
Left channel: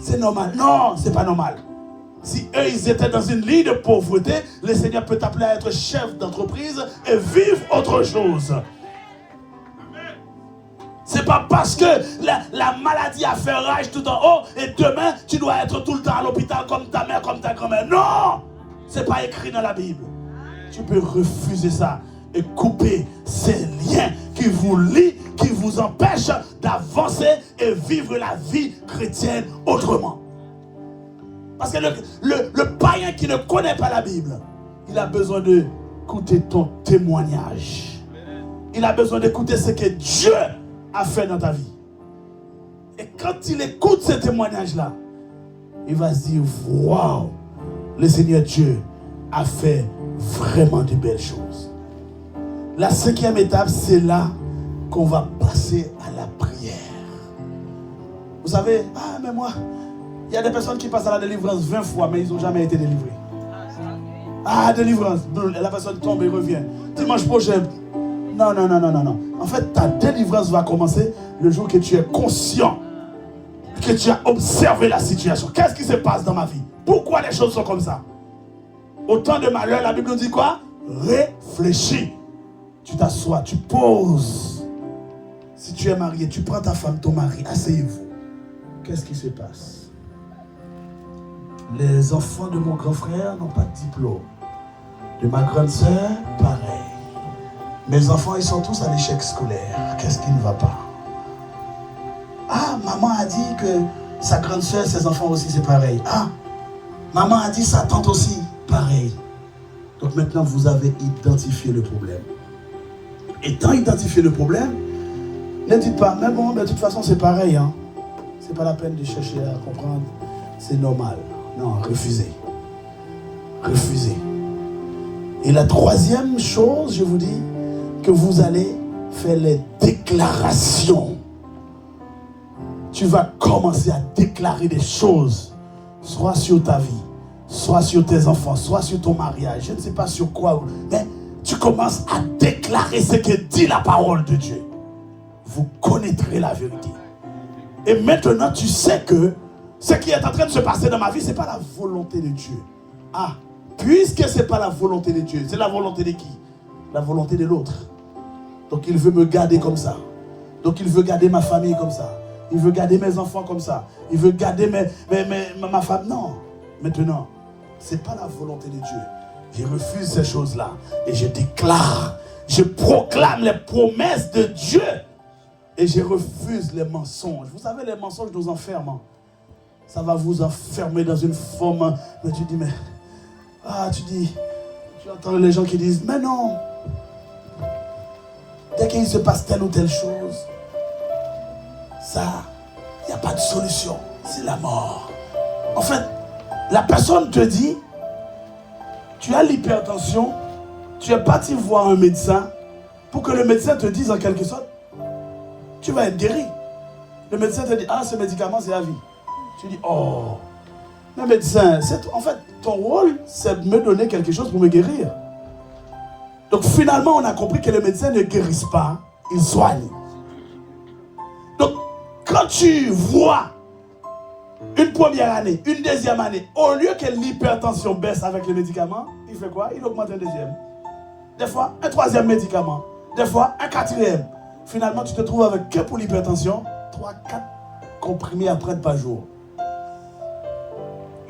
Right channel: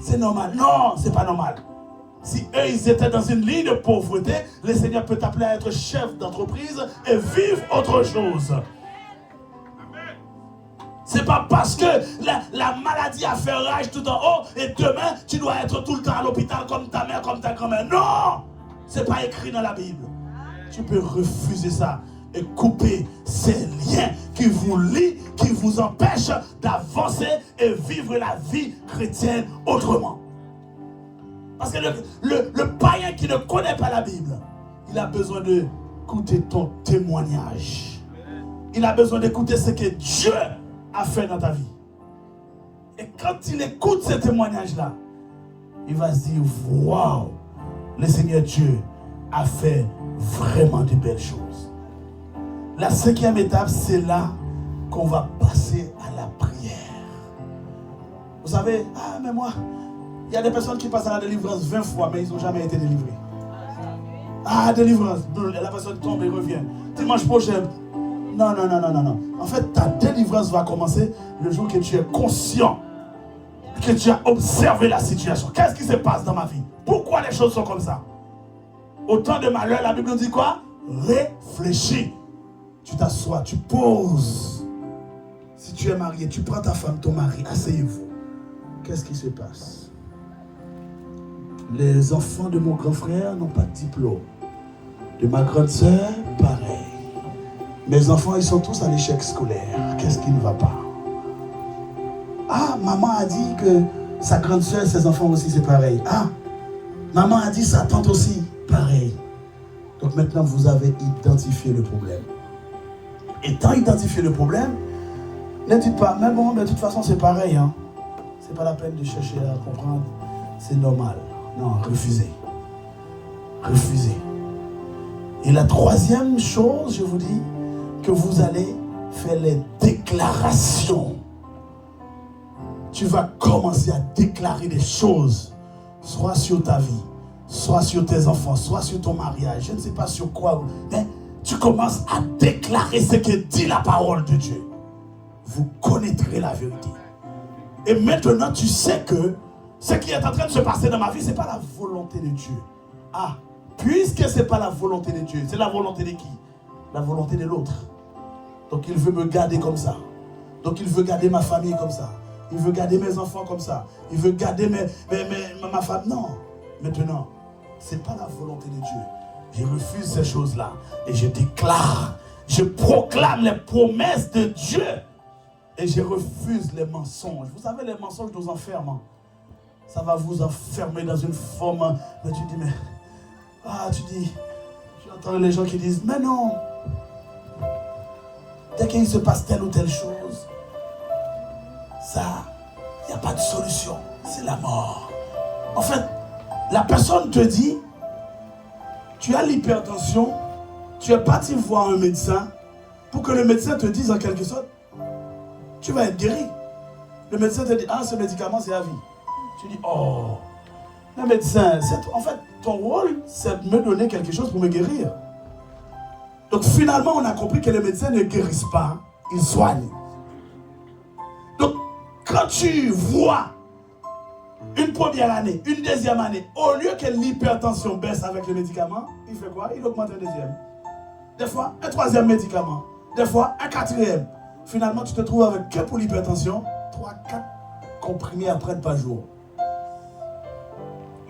c'est normal. Non, c'est pas normal. Si eux, ils étaient dans une ligne de pauvreté, le Seigneur peut t'appeler à être chef d'entreprise et vivre autre chose. C'est pas parce que la maladie a fait rage tout en haut et demain, tu dois être tout le temps à l'hôpital comme ta mère, comme ta grand-mère. Non! C'est pas écrit dans la Bible. Tu peux refuser ça et couper ces liens qui vous lient, qui vous empêchent d'avancer et vivre la vie chrétienne autrement. Parce que le païen qui ne connaît pas la Bible, il a besoin d'écouter ton témoignage. Il a besoin d'écouter ce que Dieu a fait dans ta vie. Et quand il écoute ce témoignage-là, il va se dire, waouh, le Seigneur Dieu a fait vraiment de belles choses. La 5e étape, c'est là qu'on va passer à la prière. Vous savez, mais moi, il y a des personnes qui passent à la délivrance 20 fois, mais ils n'ont jamais été délivrés. Délivrance, la personne tombe et revient. Dimanche prochain, non. En fait, ta délivrance va commencer le jour que tu es conscient, que tu as observé la situation. Qu'est-ce qui se passe dans ma vie? Pourquoi les choses sont comme ça? Au temps de malheur, la Bible nous dit quoi? Réfléchis. Tu t'assois, tu poses. Si tu es marié, tu prends ta femme, ton mari, asseyez-vous. Qu'est-ce qui se passe? Les enfants de mon grand frère n'ont pas de diplôme. De ma grande sœur, pareil. Mes enfants, ils sont tous à l'échec scolaire. Qu'est-ce qui ne va pas? Maman a dit que sa grande sœur, ses enfants aussi, c'est pareil. Maman a dit sa tante aussi, pareil. Donc maintenant, vous avez identifié le problème. Étant identifié le problème, ne dites pas, mais bon, de toute façon, c'est pareil. Hein. C'est pas la peine de chercher à comprendre. C'est normal. Non, refusez. Refusez. Et la 3e chose, je vous dis, que vous allez faire les déclarations. Tu vas commencer à déclarer des choses, soit sur ta vie, soit sur tes enfants, soit sur ton mariage, je ne sais pas sur quoi, mais tu commences à déclarer ce que dit la parole de Dieu. Vous connaîtrez la vérité. Et maintenant, tu sais que ce qui est en train de se passer dans ma vie, ce n'est pas la volonté de Dieu. Puisque ce n'est pas la volonté de Dieu, c'est la volonté de qui? La volonté de l'autre. Donc il veut me garder comme ça. Donc il veut garder ma famille comme ça. Il veut garder mes enfants comme ça. Il veut garder ma femme. Non. Maintenant, ce n'est pas la volonté de Dieu. Je refuse ces choses-là. Et je déclare, je proclame les promesses de Dieu. Et je refuse les mensonges. Vous savez, les mensonges nous enferment. Ça va vous enfermer dans une forme. Mais tu dis, tu entends les gens qui disent, mais non. Dès qu'il se passe telle ou telle chose, ça, il n'y a pas de solution. C'est la mort. En fait, la personne te dit, tu as l'hypertension, tu es parti voir un médecin pour que le médecin te dise en quelque sorte, tu vas être guéri. Le médecin te dit, ce médicament, c'est à vie. Tu dis, le médecin, en fait, ton rôle, c'est de me donner quelque chose pour me guérir. Donc finalement, on a compris que les médecins ne guérissent pas, ils soignent. Donc, quand tu vois une première année, une deuxième année, au lieu que l'hypertension baisse avec les médicaments, il fait quoi? Il augmente un deuxième. Des fois, un troisième médicament. Des fois, un quatrième. Finalement, tu te trouves avec que pour l'hypertension, 3-4 comprimés à prendre par jour.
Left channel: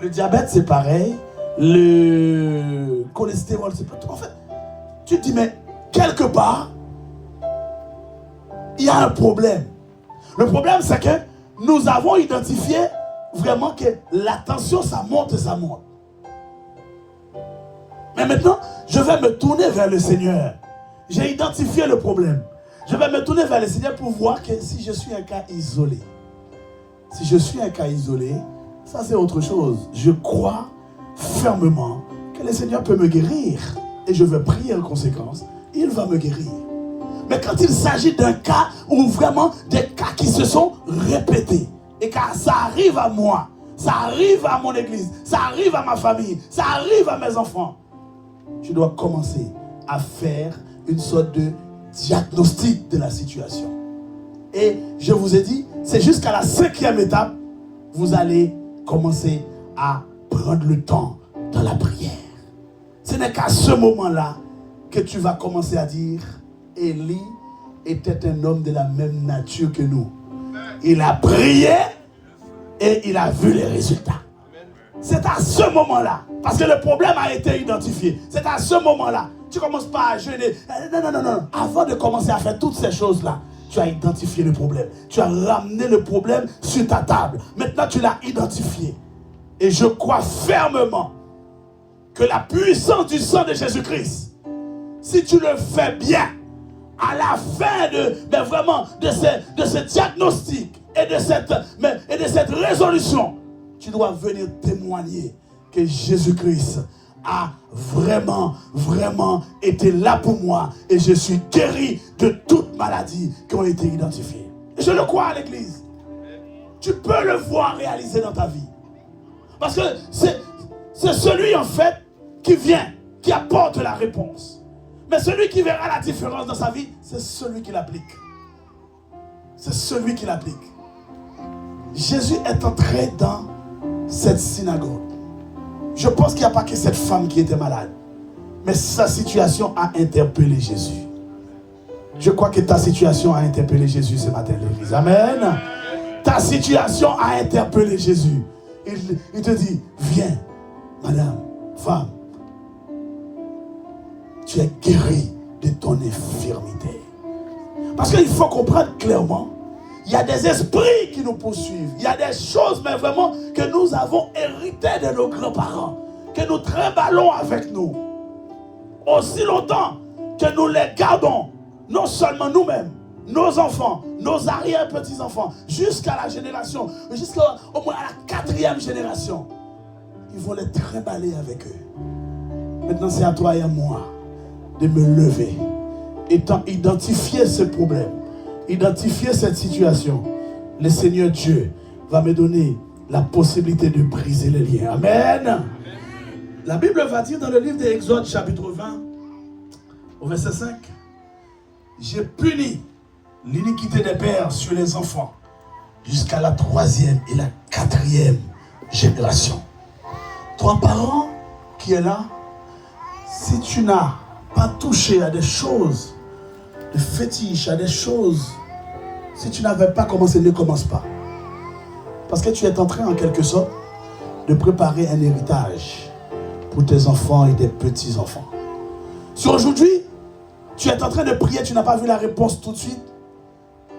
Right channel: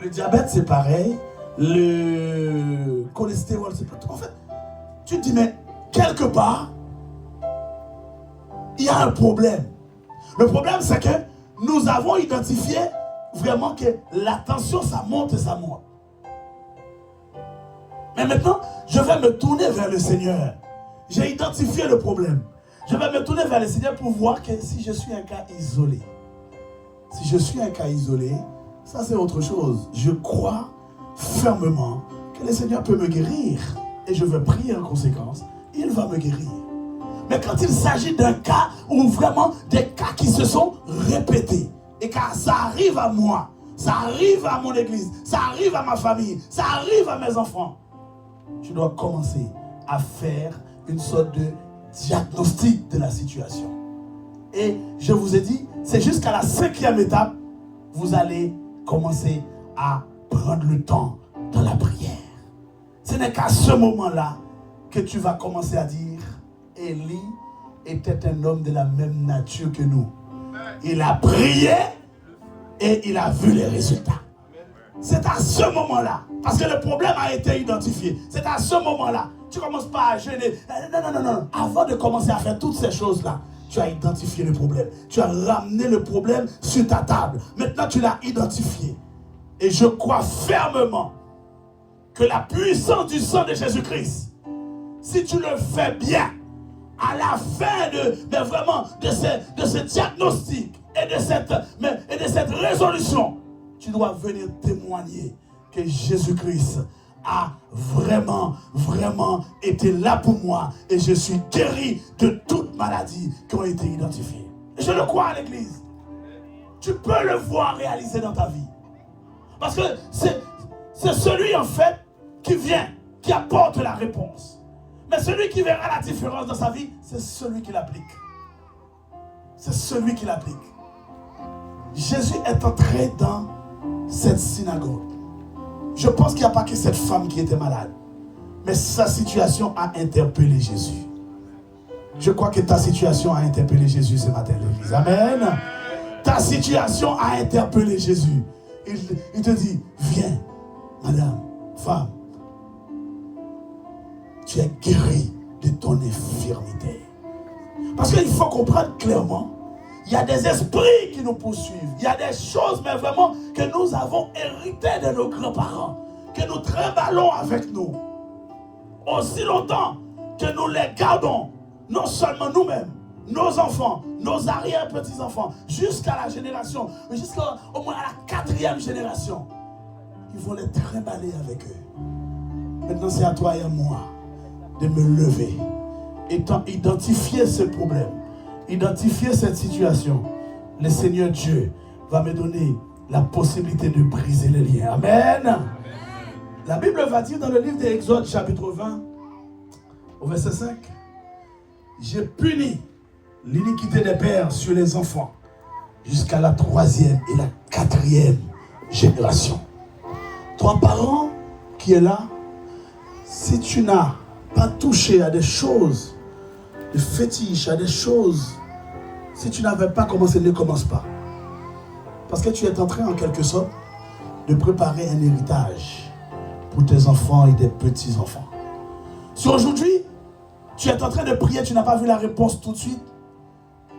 Le diabète, c'est pareil. Le cholestérol, c'est pas tout. En fait, tu te dis, mais quelque part, il y a un problème. Le problème, c'est que nous avons identifié vraiment que la tension, ça monte et ça monte. Mais maintenant, je vais me tourner vers le Seigneur. J'ai identifié le problème. Je vais me tourner vers le Seigneur pour voir que si je suis un cas isolé, si je suis un cas isolé, ça c'est autre chose. Je crois fermement que le Seigneur peut me guérir. Et je vais prier en conséquence. Il va me guérir. Mais quand il s'agit d'un cas où vraiment des cas qui se sont répétés, et que ça arrive à moi, ça arrive à mon église, ça arrive à ma famille, ça arrive à mes enfants, je dois commencer à faire une sorte de diagnostic de la situation. Et je vous ai dit, c'est jusqu'à la 5e étape, vous allez commencer à prendre le temps dans la prière. Ce n'est qu'à ce moment-là que tu vas commencer à dire, Élie était un homme de la même nature que nous. Il a prié et il a vu les résultats. C'est à ce moment-là, parce que le problème a été identifié. C'est à ce moment-là, tu ne commences pas à jeûner. Non. Avant de commencer à faire toutes ces choses-là, tu as identifié le problème. Tu as ramené le problème sur ta table. Maintenant, tu l'as identifié. Et je crois fermement que la puissance du sang de Jésus-Christ, si tu le fais bien, à la fin de ce diagnostic et de cette résolution, tu dois venir témoigner que Jésus-Christ a vraiment été là pour moi et je suis guéri de toutes maladies qui ont été identifiées. Et je le crois à l'église. Tu peux le voir réaliser dans ta vie. Parce que c'est celui en fait qui vient, qui apporte la réponse. Mais celui qui verra la différence dans sa vie, c'est celui qui l'applique. C'est celui qui l'applique. Jésus est entré dans cette synagogue. Je pense qu'il n'y a pas que cette femme qui était malade. Mais sa situation a interpellé Jésus. Je crois que ta situation a interpellé Jésus ce matin, l'église. Amen. Ta situation a interpellé Jésus. Il te dit, viens, madame, femme. Tu es guéri de ton infirmité. Parce qu'il faut comprendre clairement, il y a des esprits qui nous poursuivent. Il y a des choses, mais vraiment, que nous avons héritées de nos grands-parents, que nous trimballons avec nous. Aussi longtemps que nous les gardons, non seulement nous-mêmes, nos enfants, nos arrière-petits-enfants, jusqu'à la génération, jusqu'au moins à la 4e génération, ils vont les trimballer avec eux. Maintenant, c'est à toi et à moi de me lever, étant identifié ce problème, identifier cette situation. Le Seigneur Dieu va me donner la possibilité de briser les liens. Amen. La Bible va dire dans le livre d'Exode chapitre 20 au verset 5, j'ai puni l'iniquité des pères sur les enfants jusqu'à la 3e et la 4e génération. Toi parents qui est là, si tu n'as pas touché à des choses, des fétiches, à des choses, si tu n'avais pas commencé, ne commence pas. Parce que tu es en train en quelque sorte de préparer un héritage pour tes enfants et tes petits-enfants. Si aujourd'hui, tu es en train de prier, tu n'as pas vu la réponse tout de suite,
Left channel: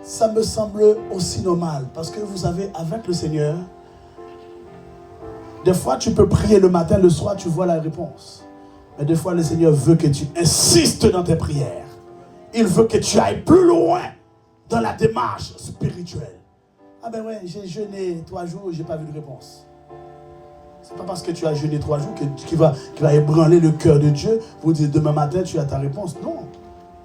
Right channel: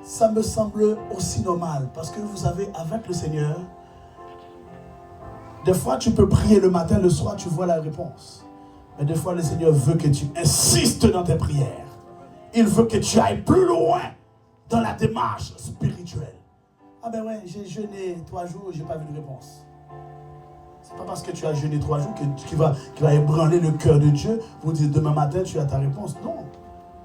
ça me semble aussi normal. Parce que vous savez, avec le Seigneur, des fois tu peux prier le matin, le soir, tu vois la réponse. Mais des fois, le Seigneur veut que tu insistes dans tes prières. Il veut que tu ailles plus loin dans la démarche spirituelle. Ah ben ouais, j'ai jeûné 3 jours, je n'ai pas vu de réponse. Ce n'est pas parce que tu as jeûné 3 jours qu'il va ébranler le cœur de Dieu pour dire demain matin tu as ta réponse. Non.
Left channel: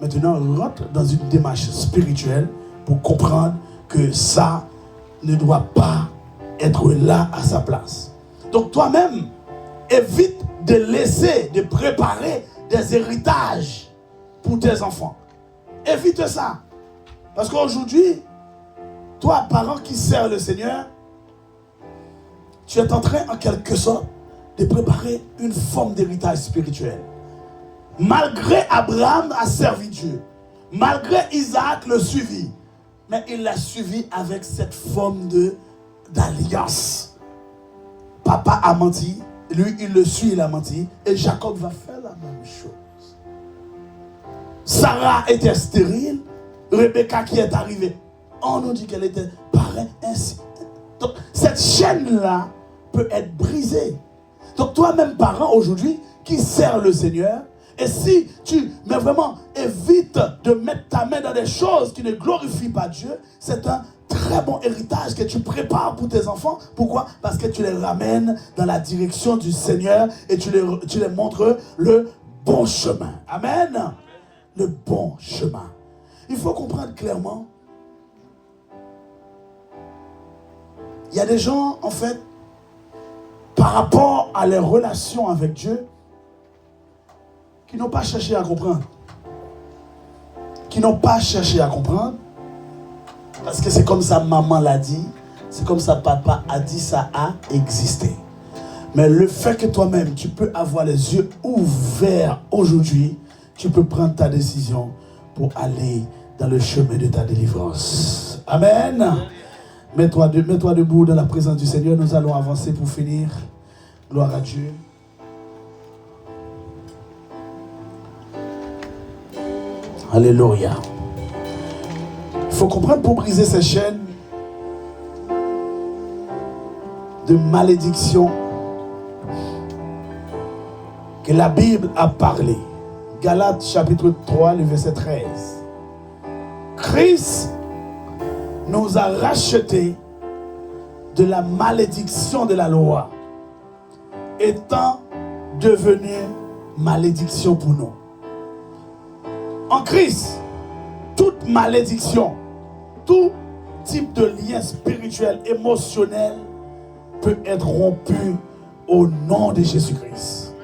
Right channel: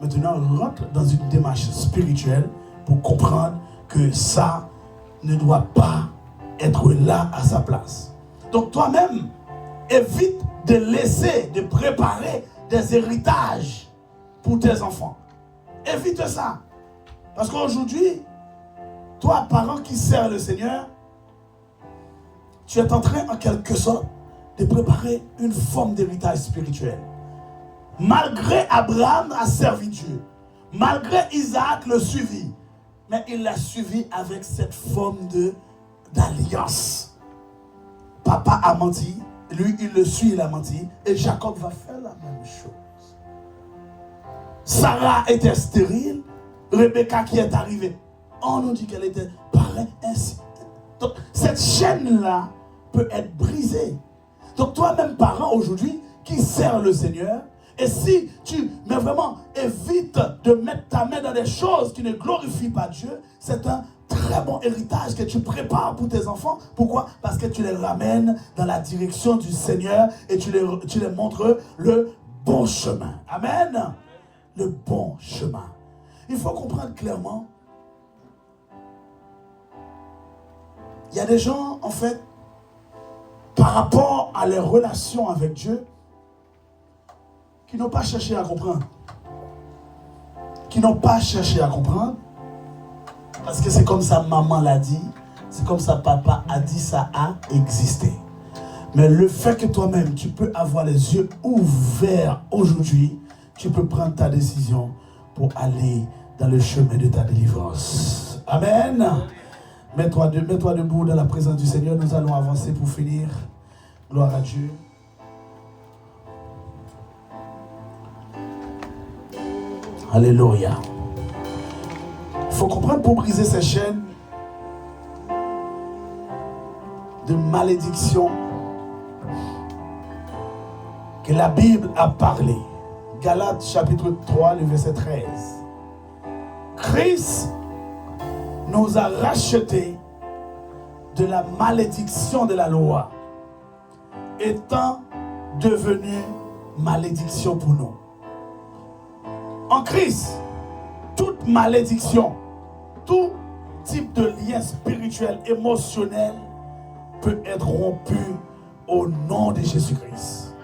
Maintenant, on rentre dans une démarche spirituelle pour comprendre que ça ne doit pas être là à sa place. Donc toi-même, évite de laisser, de préparer des héritages pour tes enfants. Évite ça. Parce qu'aujourd'hui, toi, parent qui sert le Seigneur, tu es en train, en quelque sorte, de préparer une forme d'héritage spirituel. Malgré Abraham a servi Dieu, Malgré Isaac le suivit, mais il l'a suivi avec cette forme d'alliance. Papa a menti, lui il le suit, il a menti, et Jacob va faire la même chose. Sarah était stérile, Rebecca qui est arrivée, on nous dit qu'elle était pareille, ainsi. Donc cette chaîne-là peut être brisée. Donc toi-même parent aujourd'hui qui sert le Seigneur, et si tu mais vraiment évite de mettre ta main dans des choses qui ne glorifient pas Dieu, c'est un très bon héritage que tu prépares pour tes enfants. Pourquoi? Parce que tu les ramènes dans la direction du Seigneur et tu les montres le bon chemin. Amen. Le bon chemin. Il faut comprendre clairement. Il y a des gens, en fait, par rapport à leurs relations avec Dieu, qui n'ont pas cherché à comprendre. Qui n'ont pas cherché à comprendre. Parce que c'est comme ça maman l'a dit, c'est comme ça papa a dit, ça a existé. Mais le fait que toi-même, tu peux avoir les yeux ouverts aujourd'hui, tu peux prendre ta décision pour aller dans le chemin de ta délivrance. Amen. Mets-toi debout dans la présence du Seigneur. Nous allons avancer pour finir. Gloire à Dieu. Alléluia. Il faut comprendre pour briser ces chaînes de malédiction que la Bible a parlé. Galates chapitre 3, le verset 13. Christ nous a rachetés de la malédiction de la loi, étant devenu malédiction pour nous. En Christ, toute malédiction, tout type de lien spirituel, émotionnel peut être rompu au nom de Jésus-Christ.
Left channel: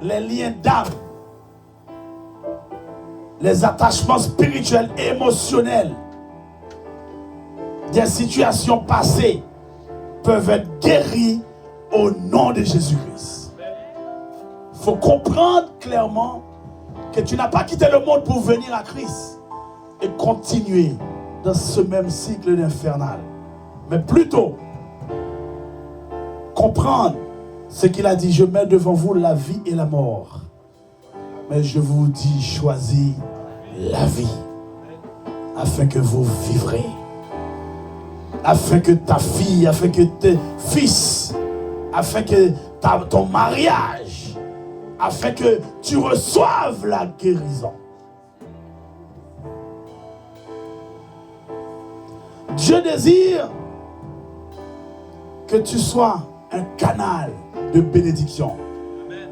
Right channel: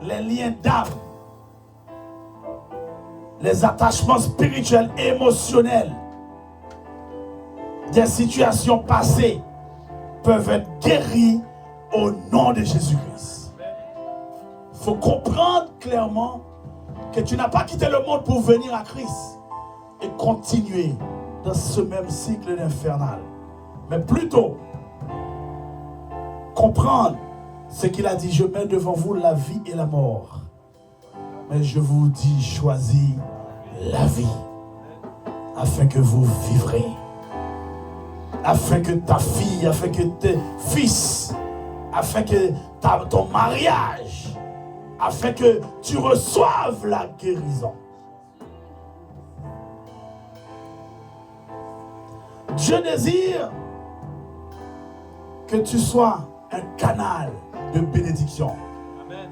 Les liens d'âme, les attachements spirituels et émotionnels des situations passées peuvent être guéris au nom de Jésus-Christ. Il faut comprendre clairement que tu n'as pas quitté le monde pour venir à Christ et continuer dans ce même cycle infernal. Mais plutôt, comprendre ce qu'il a dit. Je mets devant vous la vie et la mort. Mais je vous dis, choisis la vie, afin que vous vivrez. Afin que ta fille, afin que tes fils, afin que ton mariage, afin que tu reçoives la guérison. Dieu désire que tu sois un canal de bénédiction.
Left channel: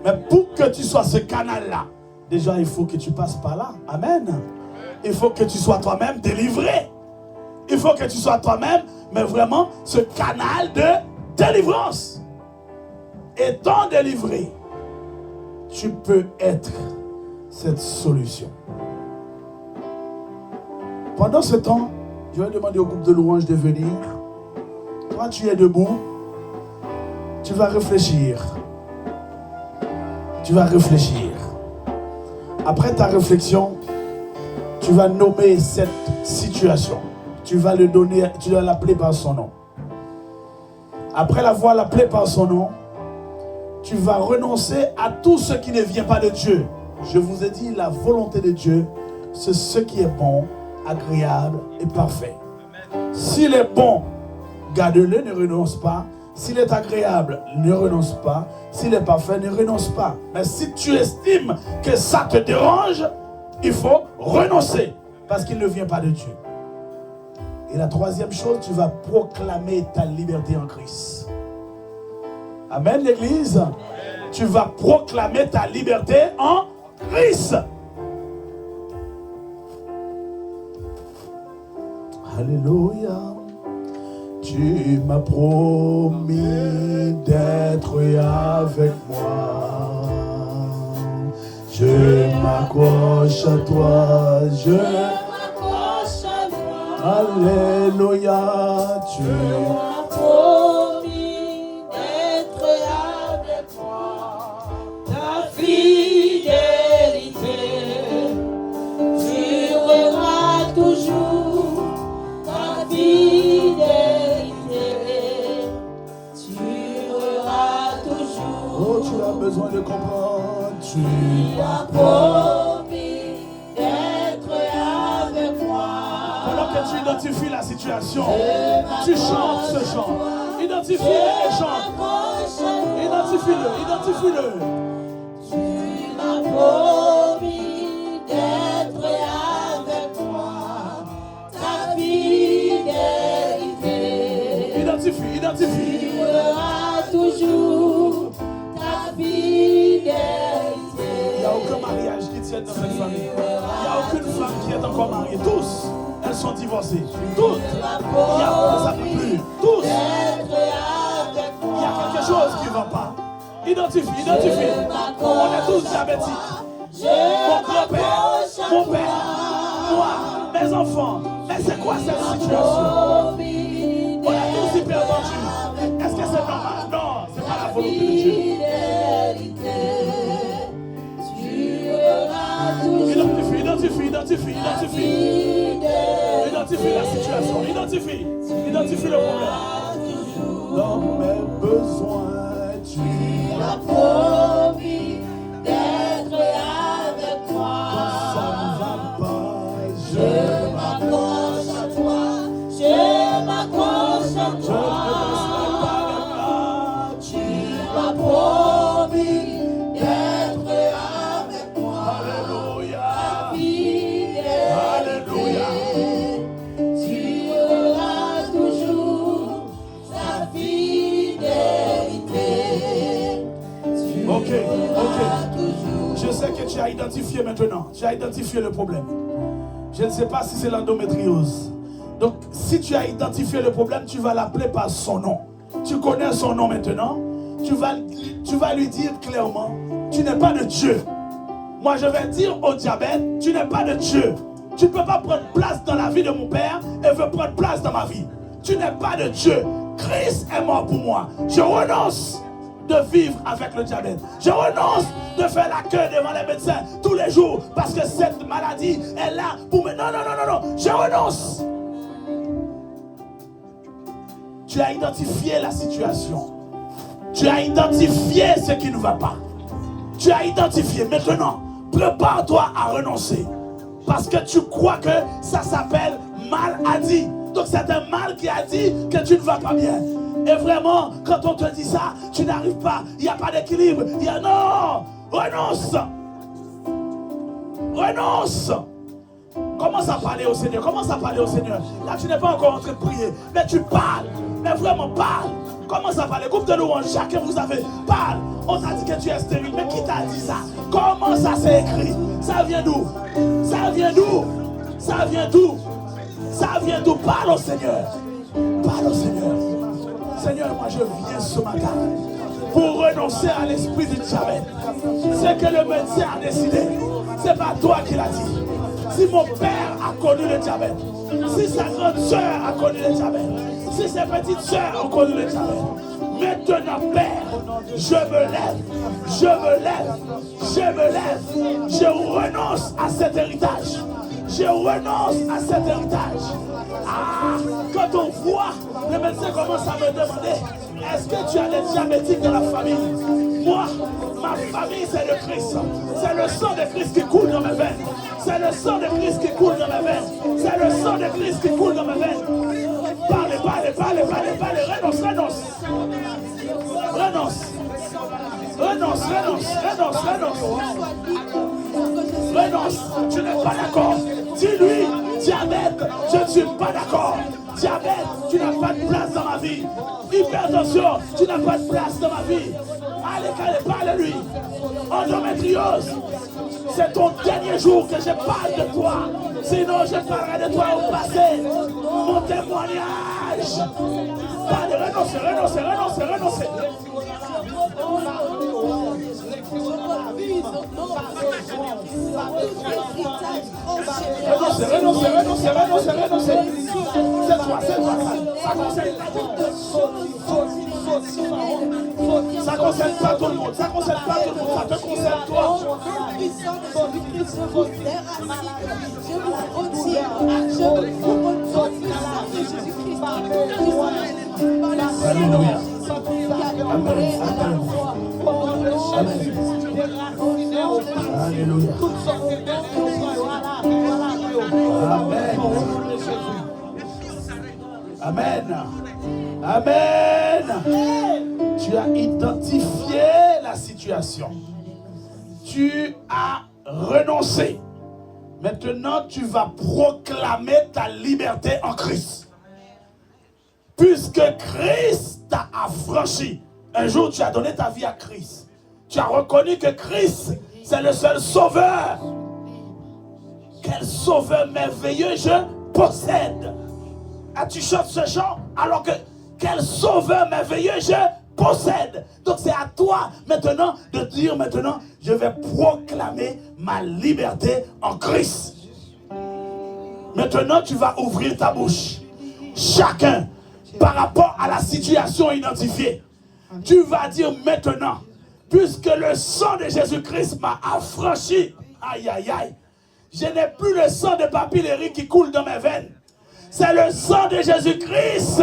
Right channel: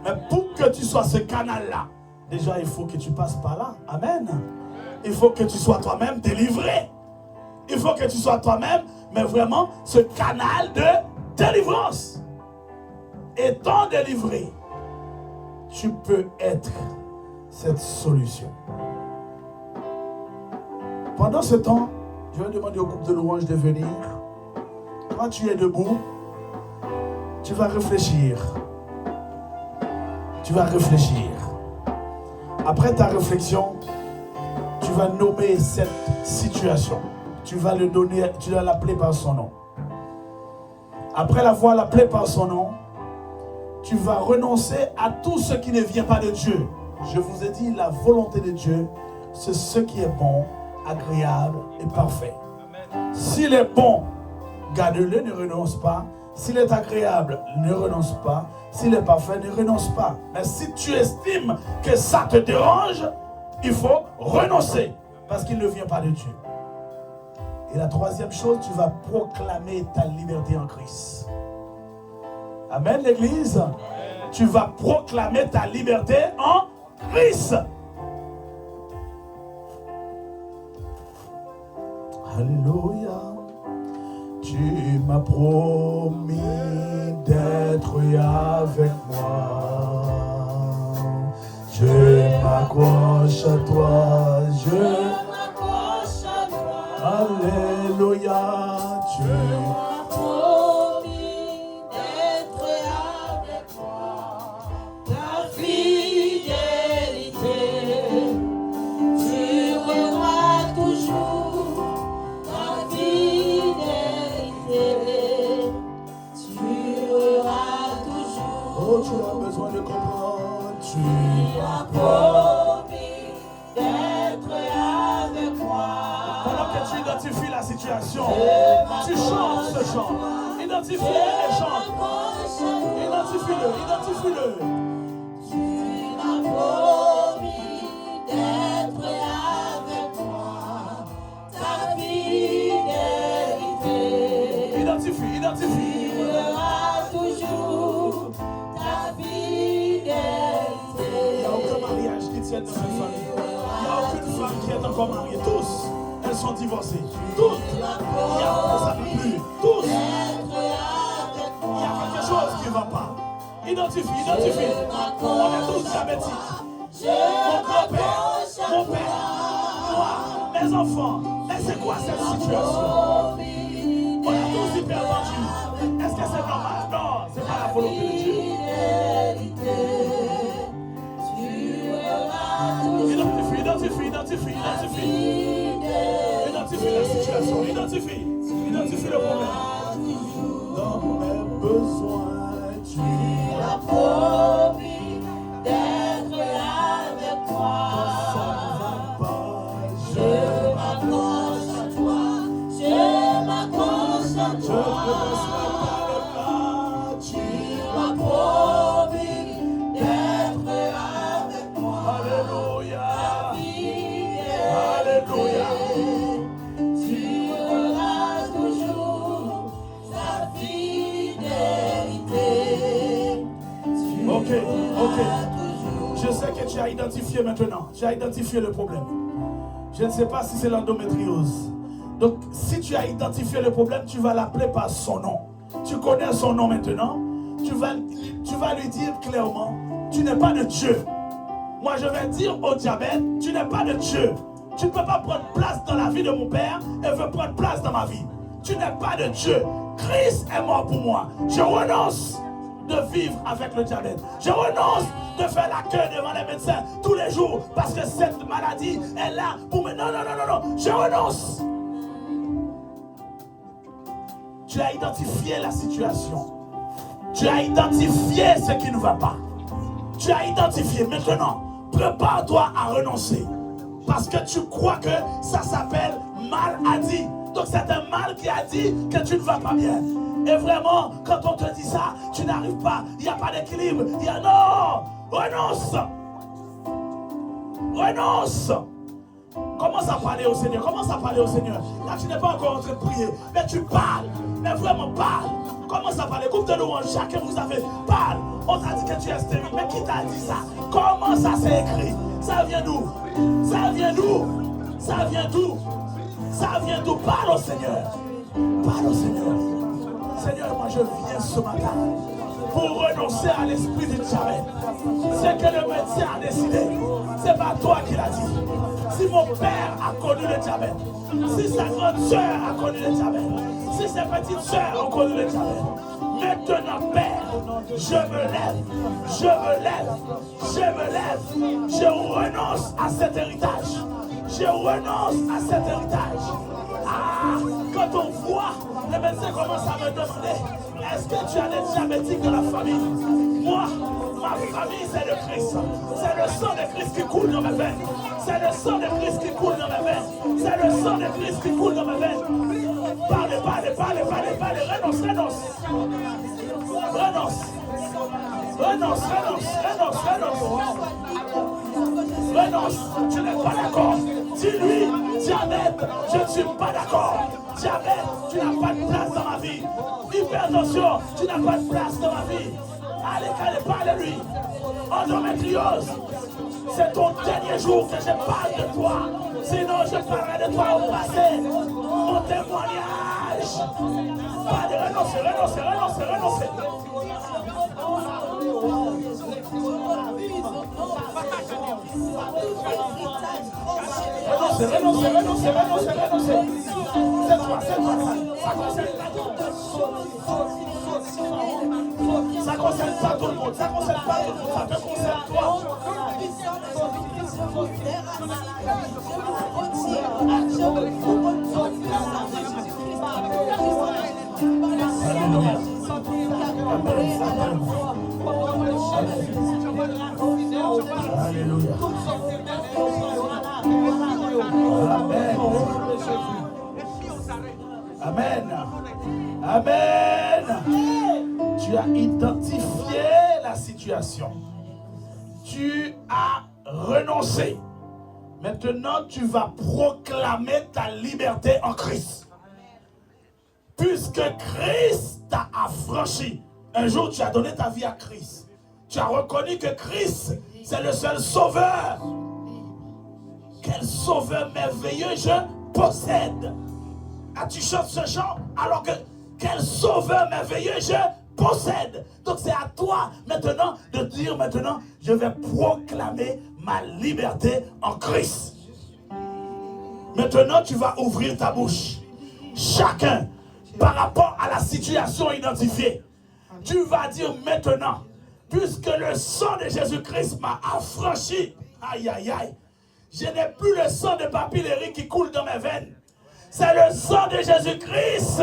Mais pour que tu sois ce canal-là, déjà il faut que tu passes par là. Amen. Il faut que tu sois toi-même délivré. Il faut que tu sois toi-même, mais vraiment ce canal de délivrance. Étant délivré, tu peux être cette solution. Pendant ce temps, je vais demander au groupe de louanges de venir. Quand tu es debout, tu vas réfléchir. Tu vas réfléchir. Après ta réflexion, tu vas nommer cette situation. Tu vas le donner, tu vas l'appeler par son nom. Après l'avoir appelé par son nom, tu vas renoncer à tout ce qui ne vient pas de Dieu. Je vous ai dit, la volonté de Dieu, c'est ce qui est bon, agréable et parfait. S'il est bon, garde-le, ne renonce pas. S'il est agréable, ne renonce pas. S'il est parfait, ne renonce pas. Mais si tu estimes que ça te dérange, il faut renoncer parce qu'il ne vient pas de Dieu. Et la troisième chose, tu vas proclamer ta liberté en Christ. Amen, l'Église. Tu vas proclamer ta liberté en Christ. Alléluia. Tu m'as promis d'être avec moi. Je m'accroche à toi. Je m'accroche à toi. Alléluia. Tu m'as promis d'être avec moi. Ta fidélité. Tu besoin de comprendre. Tu as promis d'être avec moi. Pendant que tu identifies la situation, tu chantes ce chant. Identifie-le et chante. Identifie-le, identifie-le. Tu m'as promis d'être avec moi. Ta fidélité. Identifie, identifie. Tu seras toujours ta fidélité. Il n'y a aucun mariage qui tienne dans cette famille. Il n'y a aucune femme qui est encore mariée. Tous, elles sont divorcées. Toutes. Il n'y a ça ne peut plus. Tous. Il y a quelque chose qui ne va pas. Identifie, identifie. On est tous diabétiques. Mon grand-père, mon père, moi, mes enfants. Mais c'est quoi cette situation? On a tous hypertendu. Est-ce que c'est normal? Non, c'est pas la volonté de Dieu. Identifie, identifie, identifie, identifie. Identifie la situation, identifie. Identifie le problème. Dans mes besoins, tu as promis d'être avec moi. Ça ne va pas. Je m'accroche à toi. Je m'accroche à Je toi. ne laisserai pas le pas. Tu m'as promis d'être avec moi. Alléluia. Alléluia. Tu auras toujours sa fidélité. Ok. Je sais que tu as identifié maintenant. Tu as identifié le problème. Je ne sais pas si c'est l'endométriose. Donc, si tu as identifié le problème, tu vas l'appeler par son nom. Tu connais son nom maintenant. Tu vas lui dire clairement, tu n'es pas de Dieu. Moi, je vais dire au diabète, tu n'es pas de Dieu. Tu ne peux pas prendre place dans la vie de mon père et veut prendre place dans ma vie. Tu n'es pas de Dieu. Christ est mort pour moi. Je renonce de vivre avec le diabète. Je renonce de faire la queue devant les médecins tous les jours parce que cette maladie est là pour me... Non. Je renonce. Tu as identifié la situation. Tu as identifié ce qui ne va pas. Tu as identifié. Maintenant, prépare-toi à renoncer. Parce que tu crois que ça s'appelle maladie. Donc c'est un mal qui a dit que tu ne vas pas bien. Et vraiment, quand on te dit ça, tu n'arrives pas. Il n'y a pas d'équilibre. Il y a non. Renonce. Renonce. Commence à parler au Seigneur. Commence à parler au Seigneur. Là, tu n'es pas encore en train de prier. Mais tu parles. Mais vraiment, parle. Commence à parler. Groupe de louange. Chacun vous avez. Parle. On t'a dit que tu es stérile. Mais qui t'a dit ça? Comment ça s'est écrit? Ça vient d'où? Ça vient d'où? Ça vient d'où? Ça vient d'où? Parle au Seigneur. Parle au Seigneur. Seigneur, moi je viens ce matin pour renoncer à l'esprit du diabète. C'est que le médecin a décidé. C'est pas toi qui l'as dit. Si mon père a connu le diabète, si sa grande soeur a connu le diabète, si ses petites soeurs ont connu le diabète, maintenant, Père, je me lève, je renonce à cet héritage. Je renonce à cet héritage. Ah, quand on voit, les médecins commencent à me demander, est-ce que tu as des diabétiques dans la famille? Moi, ma famille, c'est le Christ. C'est le sang de Christ qui coule dans mes veines. C'est le sang de Christ qui coule dans mes veines. C'est le sang de Christ qui coule dans mes veines. Parlez, renonce. Renonce, tu n'es pas d'accord. Dis-lui, diabète, je ne suis pas d'accord. Diabète, tu n'as pas de place dans ma vie. Hypertension, tu n'as pas de place dans ma vie. Allez, parle-lui. Endométriose, c'est ton dernier jour que je parle de toi. Sinon, je parlerai de toi au passé. Mon témoignage. Allez, renoncer. Renoncer. Ça concerne pas tout le monde. Ça te concerne toi. Alléluia. Amen. Amen. Tu as identifié la situation. Tu as renoncé. Maintenant, tu vas proclamer ta liberté en Christ. Puisque Christ t'a affranchi. Un jour, tu as donné ta vie à Christ. Tu as reconnu que Christ, c'est le seul sauveur. Quel sauveur merveilleux je possède. Ah, tu chantes ce chant alors que quel sauveur merveilleux je possède. Donc c'est à toi maintenant de dire maintenant, je vais proclamer ma liberté en Christ. Maintenant tu vas ouvrir ta bouche. Chacun par rapport à la situation identifiée. Tu vas dire maintenant, puisque le sang de Jésus-Christ m'a affranchi. Aïe aïe aïe. Je n'ai plus le sang de papillérie qui coule dans mes veines. C'est le sang de Jésus-Christ.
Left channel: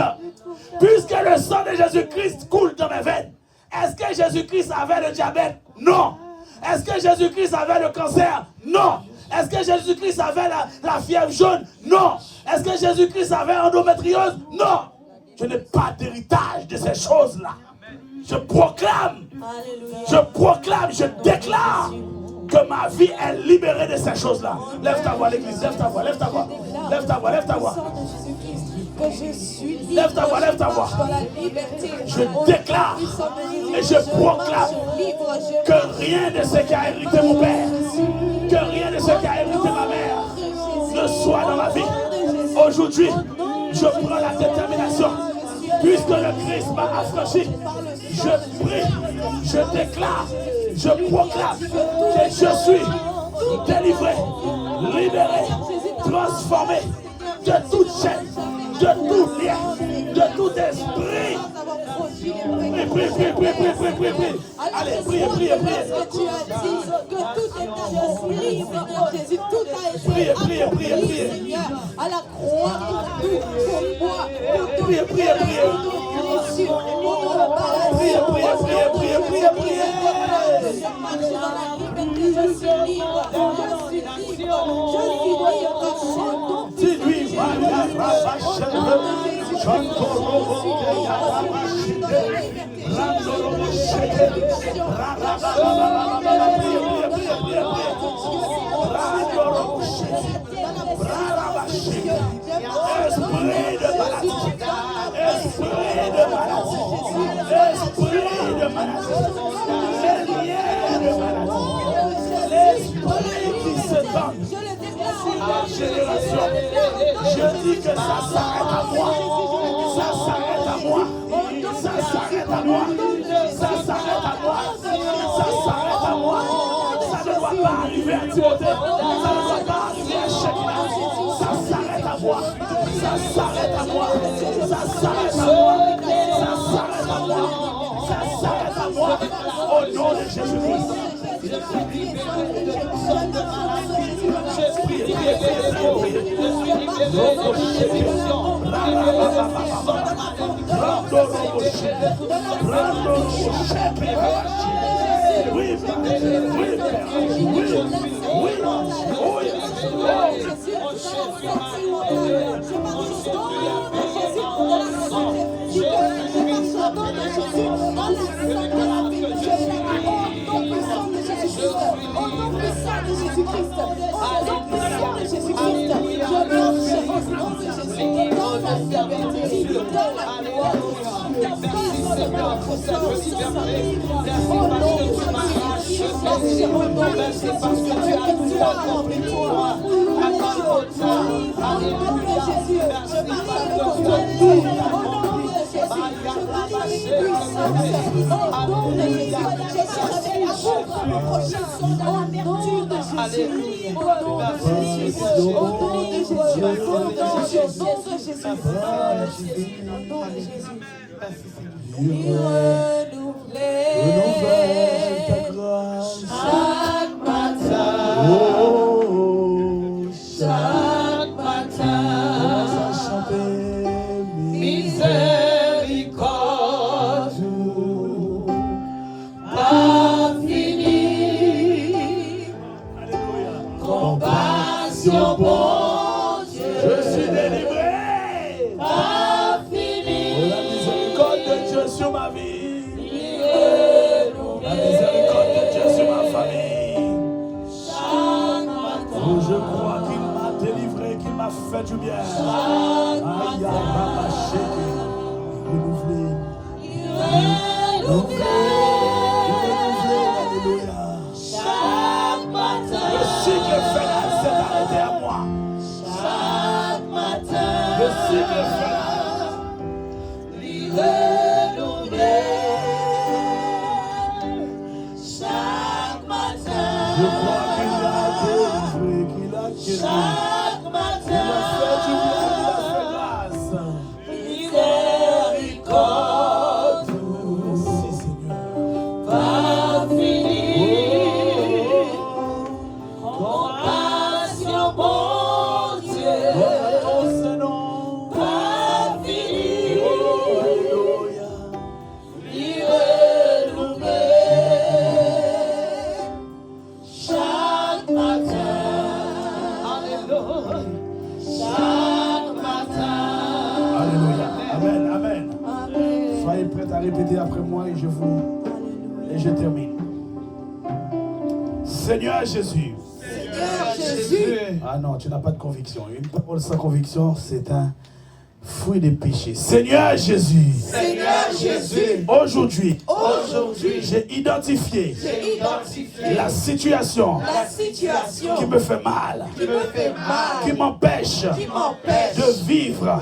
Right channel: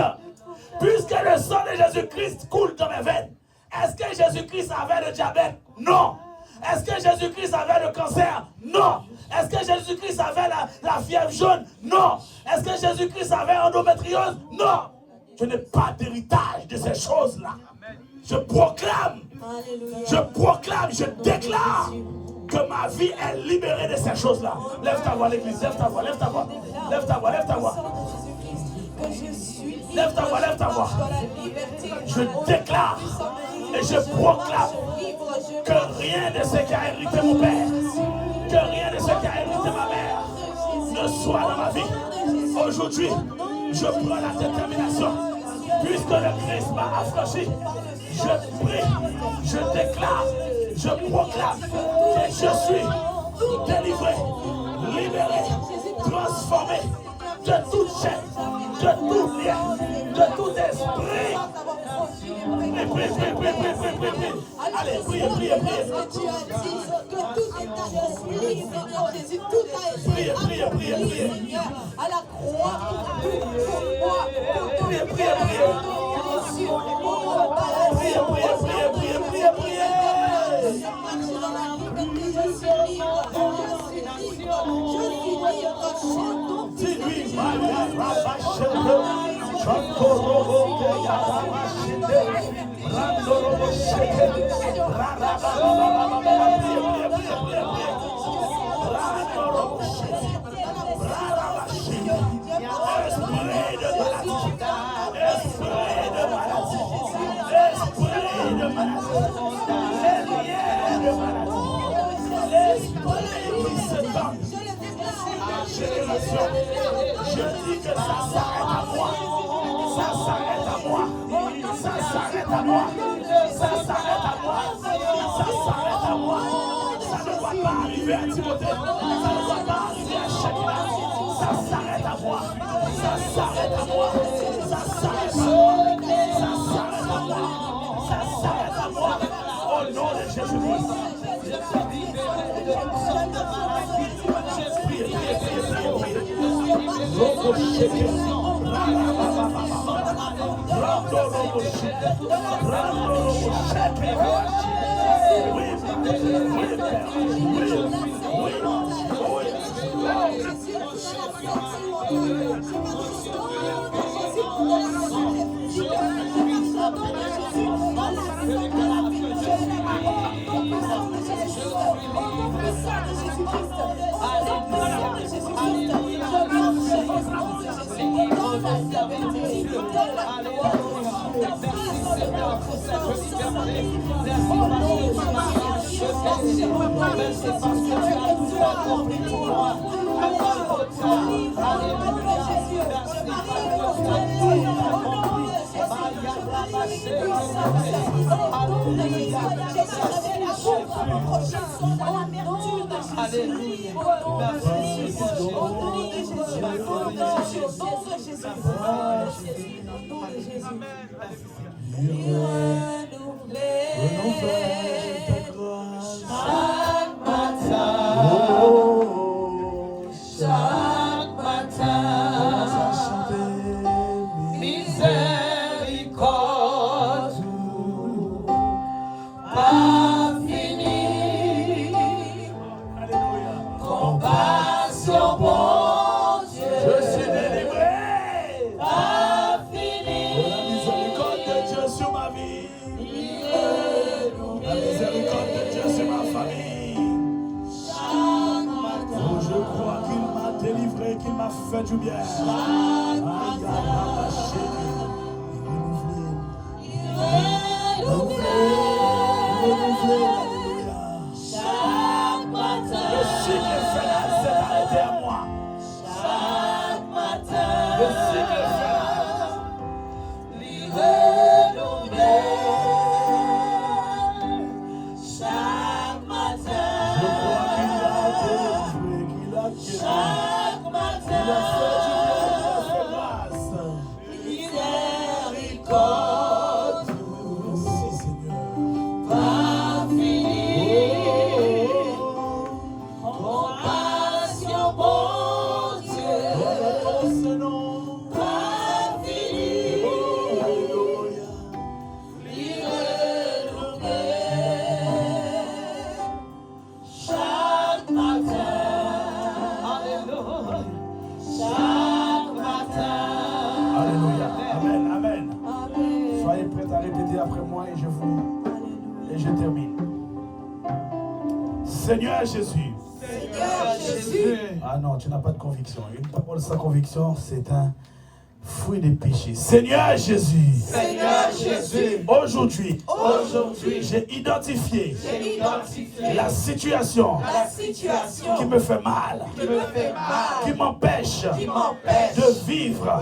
Puisque le sang de Jésus-Christ coule dans mes veines. Est-ce que Jésus-Christ avait le diabète? Non. Est-ce que Jésus-Christ avait le cancer? Non. Est-ce que Jésus-Christ avait la fièvre jaune? Non. Est-ce que Jésus-Christ avait endométriose? Non. Je n'ai pas d'héritage de ces choses-là. Je proclame, je déclare que ma vie est libérée de ces choses-là. Lève ta voix, l'église, lève ta voix, lève ta voix. Lève ta voix, lève ta voix. Lève ta voix, lève ta voix. Je déclare et je proclame que rien de ce qui a hérité mon père, que rien de ce qui a hérité ma mère ne soit dans ma vie. Aujourd'hui, je prends la détermination, puisque le Christ m'a affranchi. Je prie, je déclare, je proclame que je suis délivré, libéré, transformé de toute chaîne, de tout lien, de tout esprit. Prie. Allez, priez. Tu as dit que tout est libre en Jésus, tout a été Priez. à la croix, Priez. priez. Je dis que ça s'arrête à moi. Ça s'arrête à moi. Ça s'arrête à moi. Ça s'arrête à moi. Ça s'arrête à moi. Ça ne doit pas arriver à Timothée. Ça ne doit pas arriver à Shekinah. Ça s'arrête à moi. Ça s'arrête à moi. Ça s'arrête à moi. Ça s'arrête à moi. Ça s'arrête à moi. Au nom de Jésus-Christ. Compassion, bon Dieu, Je suis délivré. a fini. lumière. Aïe, renouveler. Alléluia. Chaque matin, Le cycle final s'est arrêté à moi. chaque matin, Le cycle final. chaque matin, Je crois qu'il a délivré, qu'il a guéri. chaque Il matin, a fait du bien, il a fait grâce. miséricorde, Merci Seigneur. pas fini, compassion, bon Dieu, Oh, ce nom. pas fini, Alléluia. chaque matin, alléluia, chaque matin, Alléluia. Amen, amen. amen. Soyez prêts à répéter après moi et je termine. Seigneur Jésus. Seigneur Jésus, Ah non, tu n'as pas de conviction. Une parole sans conviction, c'est un fruit des péchés. Seigneur Jésus. Seigneur Jésus, Aujourd'hui, aujourd'hui, j'ai identifié j'ai identifié la situation la situation qui me fait mal, qui me fait mal, qui m'empêche m'empêche de vivre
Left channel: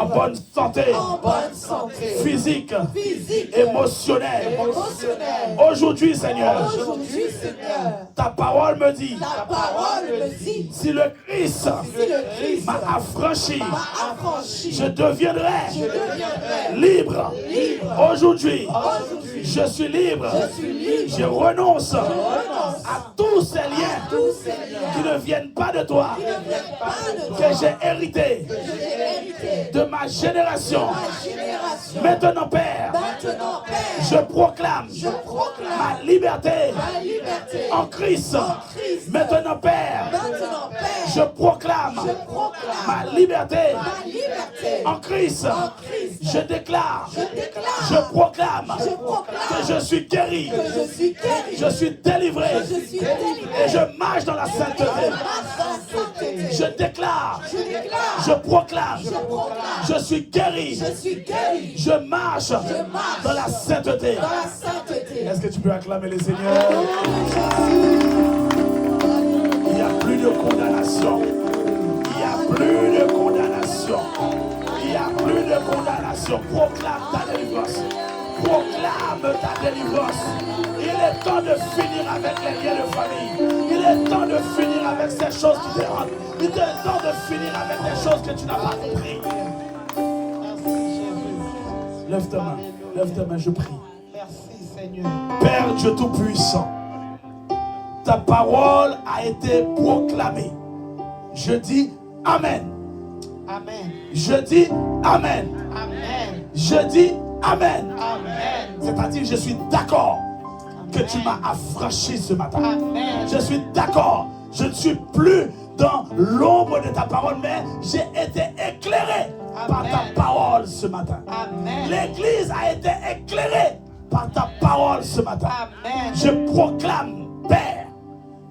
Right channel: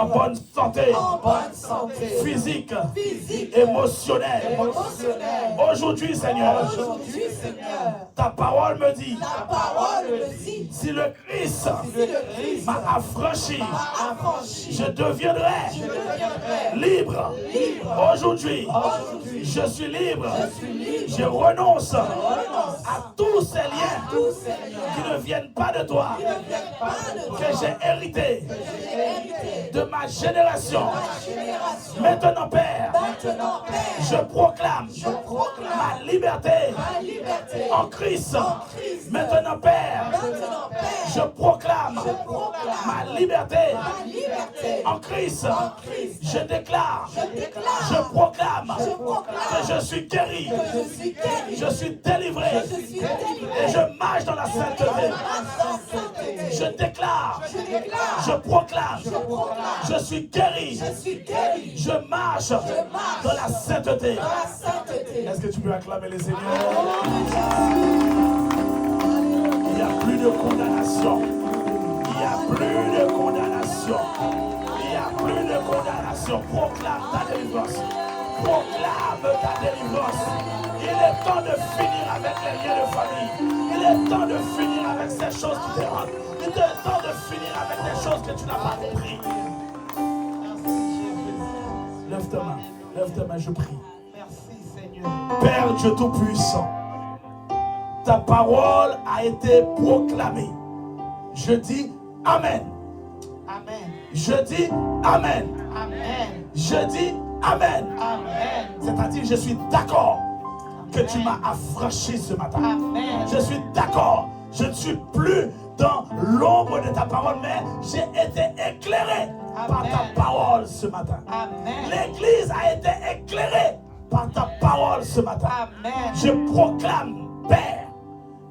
en bonne santé en bonne santé, physique, physique, émotionnelle. émotionnelle. Aujourd'hui, Seigneur, Aujourd'hui, Seigneur, ta parole me dit, ta parole me dit, si le Christ si le Christ m'a affranchi, m'a affranchi, je deviendrai je deviendrai libre. libre. Aujourd'hui, Aujourd'hui, je suis libre. je suis libre. Je renonce Renonce à tous ces liens tous ces liens qui ne viennent pas de toi, qui ne viennent pas de toi, que j'ai hérité que j'ai hérité de ma génération. de ma génération. Maintenant, Père, Maintenant, Père, je proclame je proclame ma liberté ma liberté en Christ. Christ. Maintenant, Père, Maintenant, Père, je proclame proclame ma liberté ma liberté en Christ. Christ. Je déclare, Déclare, je proclame que je suis guéri, que je suis guéri, je suis délivré je suis délivré. et je marche dans la sainteté. Je déclare, je proclame, je suis guéri, Je suis guéri, je marche dans la sainteté. dans la sainteté. Est-ce que tu peux acclamer les seigneurs? Il n'y a plus de condamnation. Il n'y a plus de condamnation. Il n'y a plus de condamnation. Proclame ta délivrance. Proclame ta délivrance. Il est temps de finir avec les liens de famille. Il est temps de finir avec ces choses qui te rendent. Il est temps de finir avec des choses que tu n'as pas compris. Lève ta main, je prie. Merci Seigneur. Père Dieu Tout-Puissant, ta parole a été proclamée. Je dis Amen. Amen. Je dis Amen. Amen. Je dis Amen. Amen. C'est-à-dire, je suis d'accord que tu m'as affranchi ce matin. Amen. Je suis d'accord. Je ne suis plus dans l'ombre de ta parole, mais j'ai été éclairé par ta parole ce matin. Amen. L'Église a été éclairée par ta parole ce matin. Amen. Je proclame, Père,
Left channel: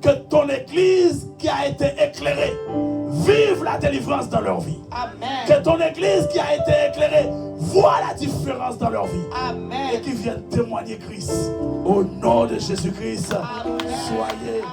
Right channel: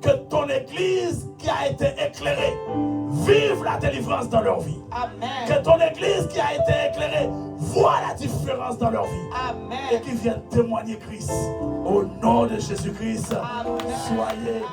que ton Église qui a été éclairée vive la délivrance dans leur vie. Amen. Que ton Église qui a été éclairée voit la différence dans leur vie. Amen. Et qui viennent témoigner Christ. Au nom de Jésus-Christ, soyez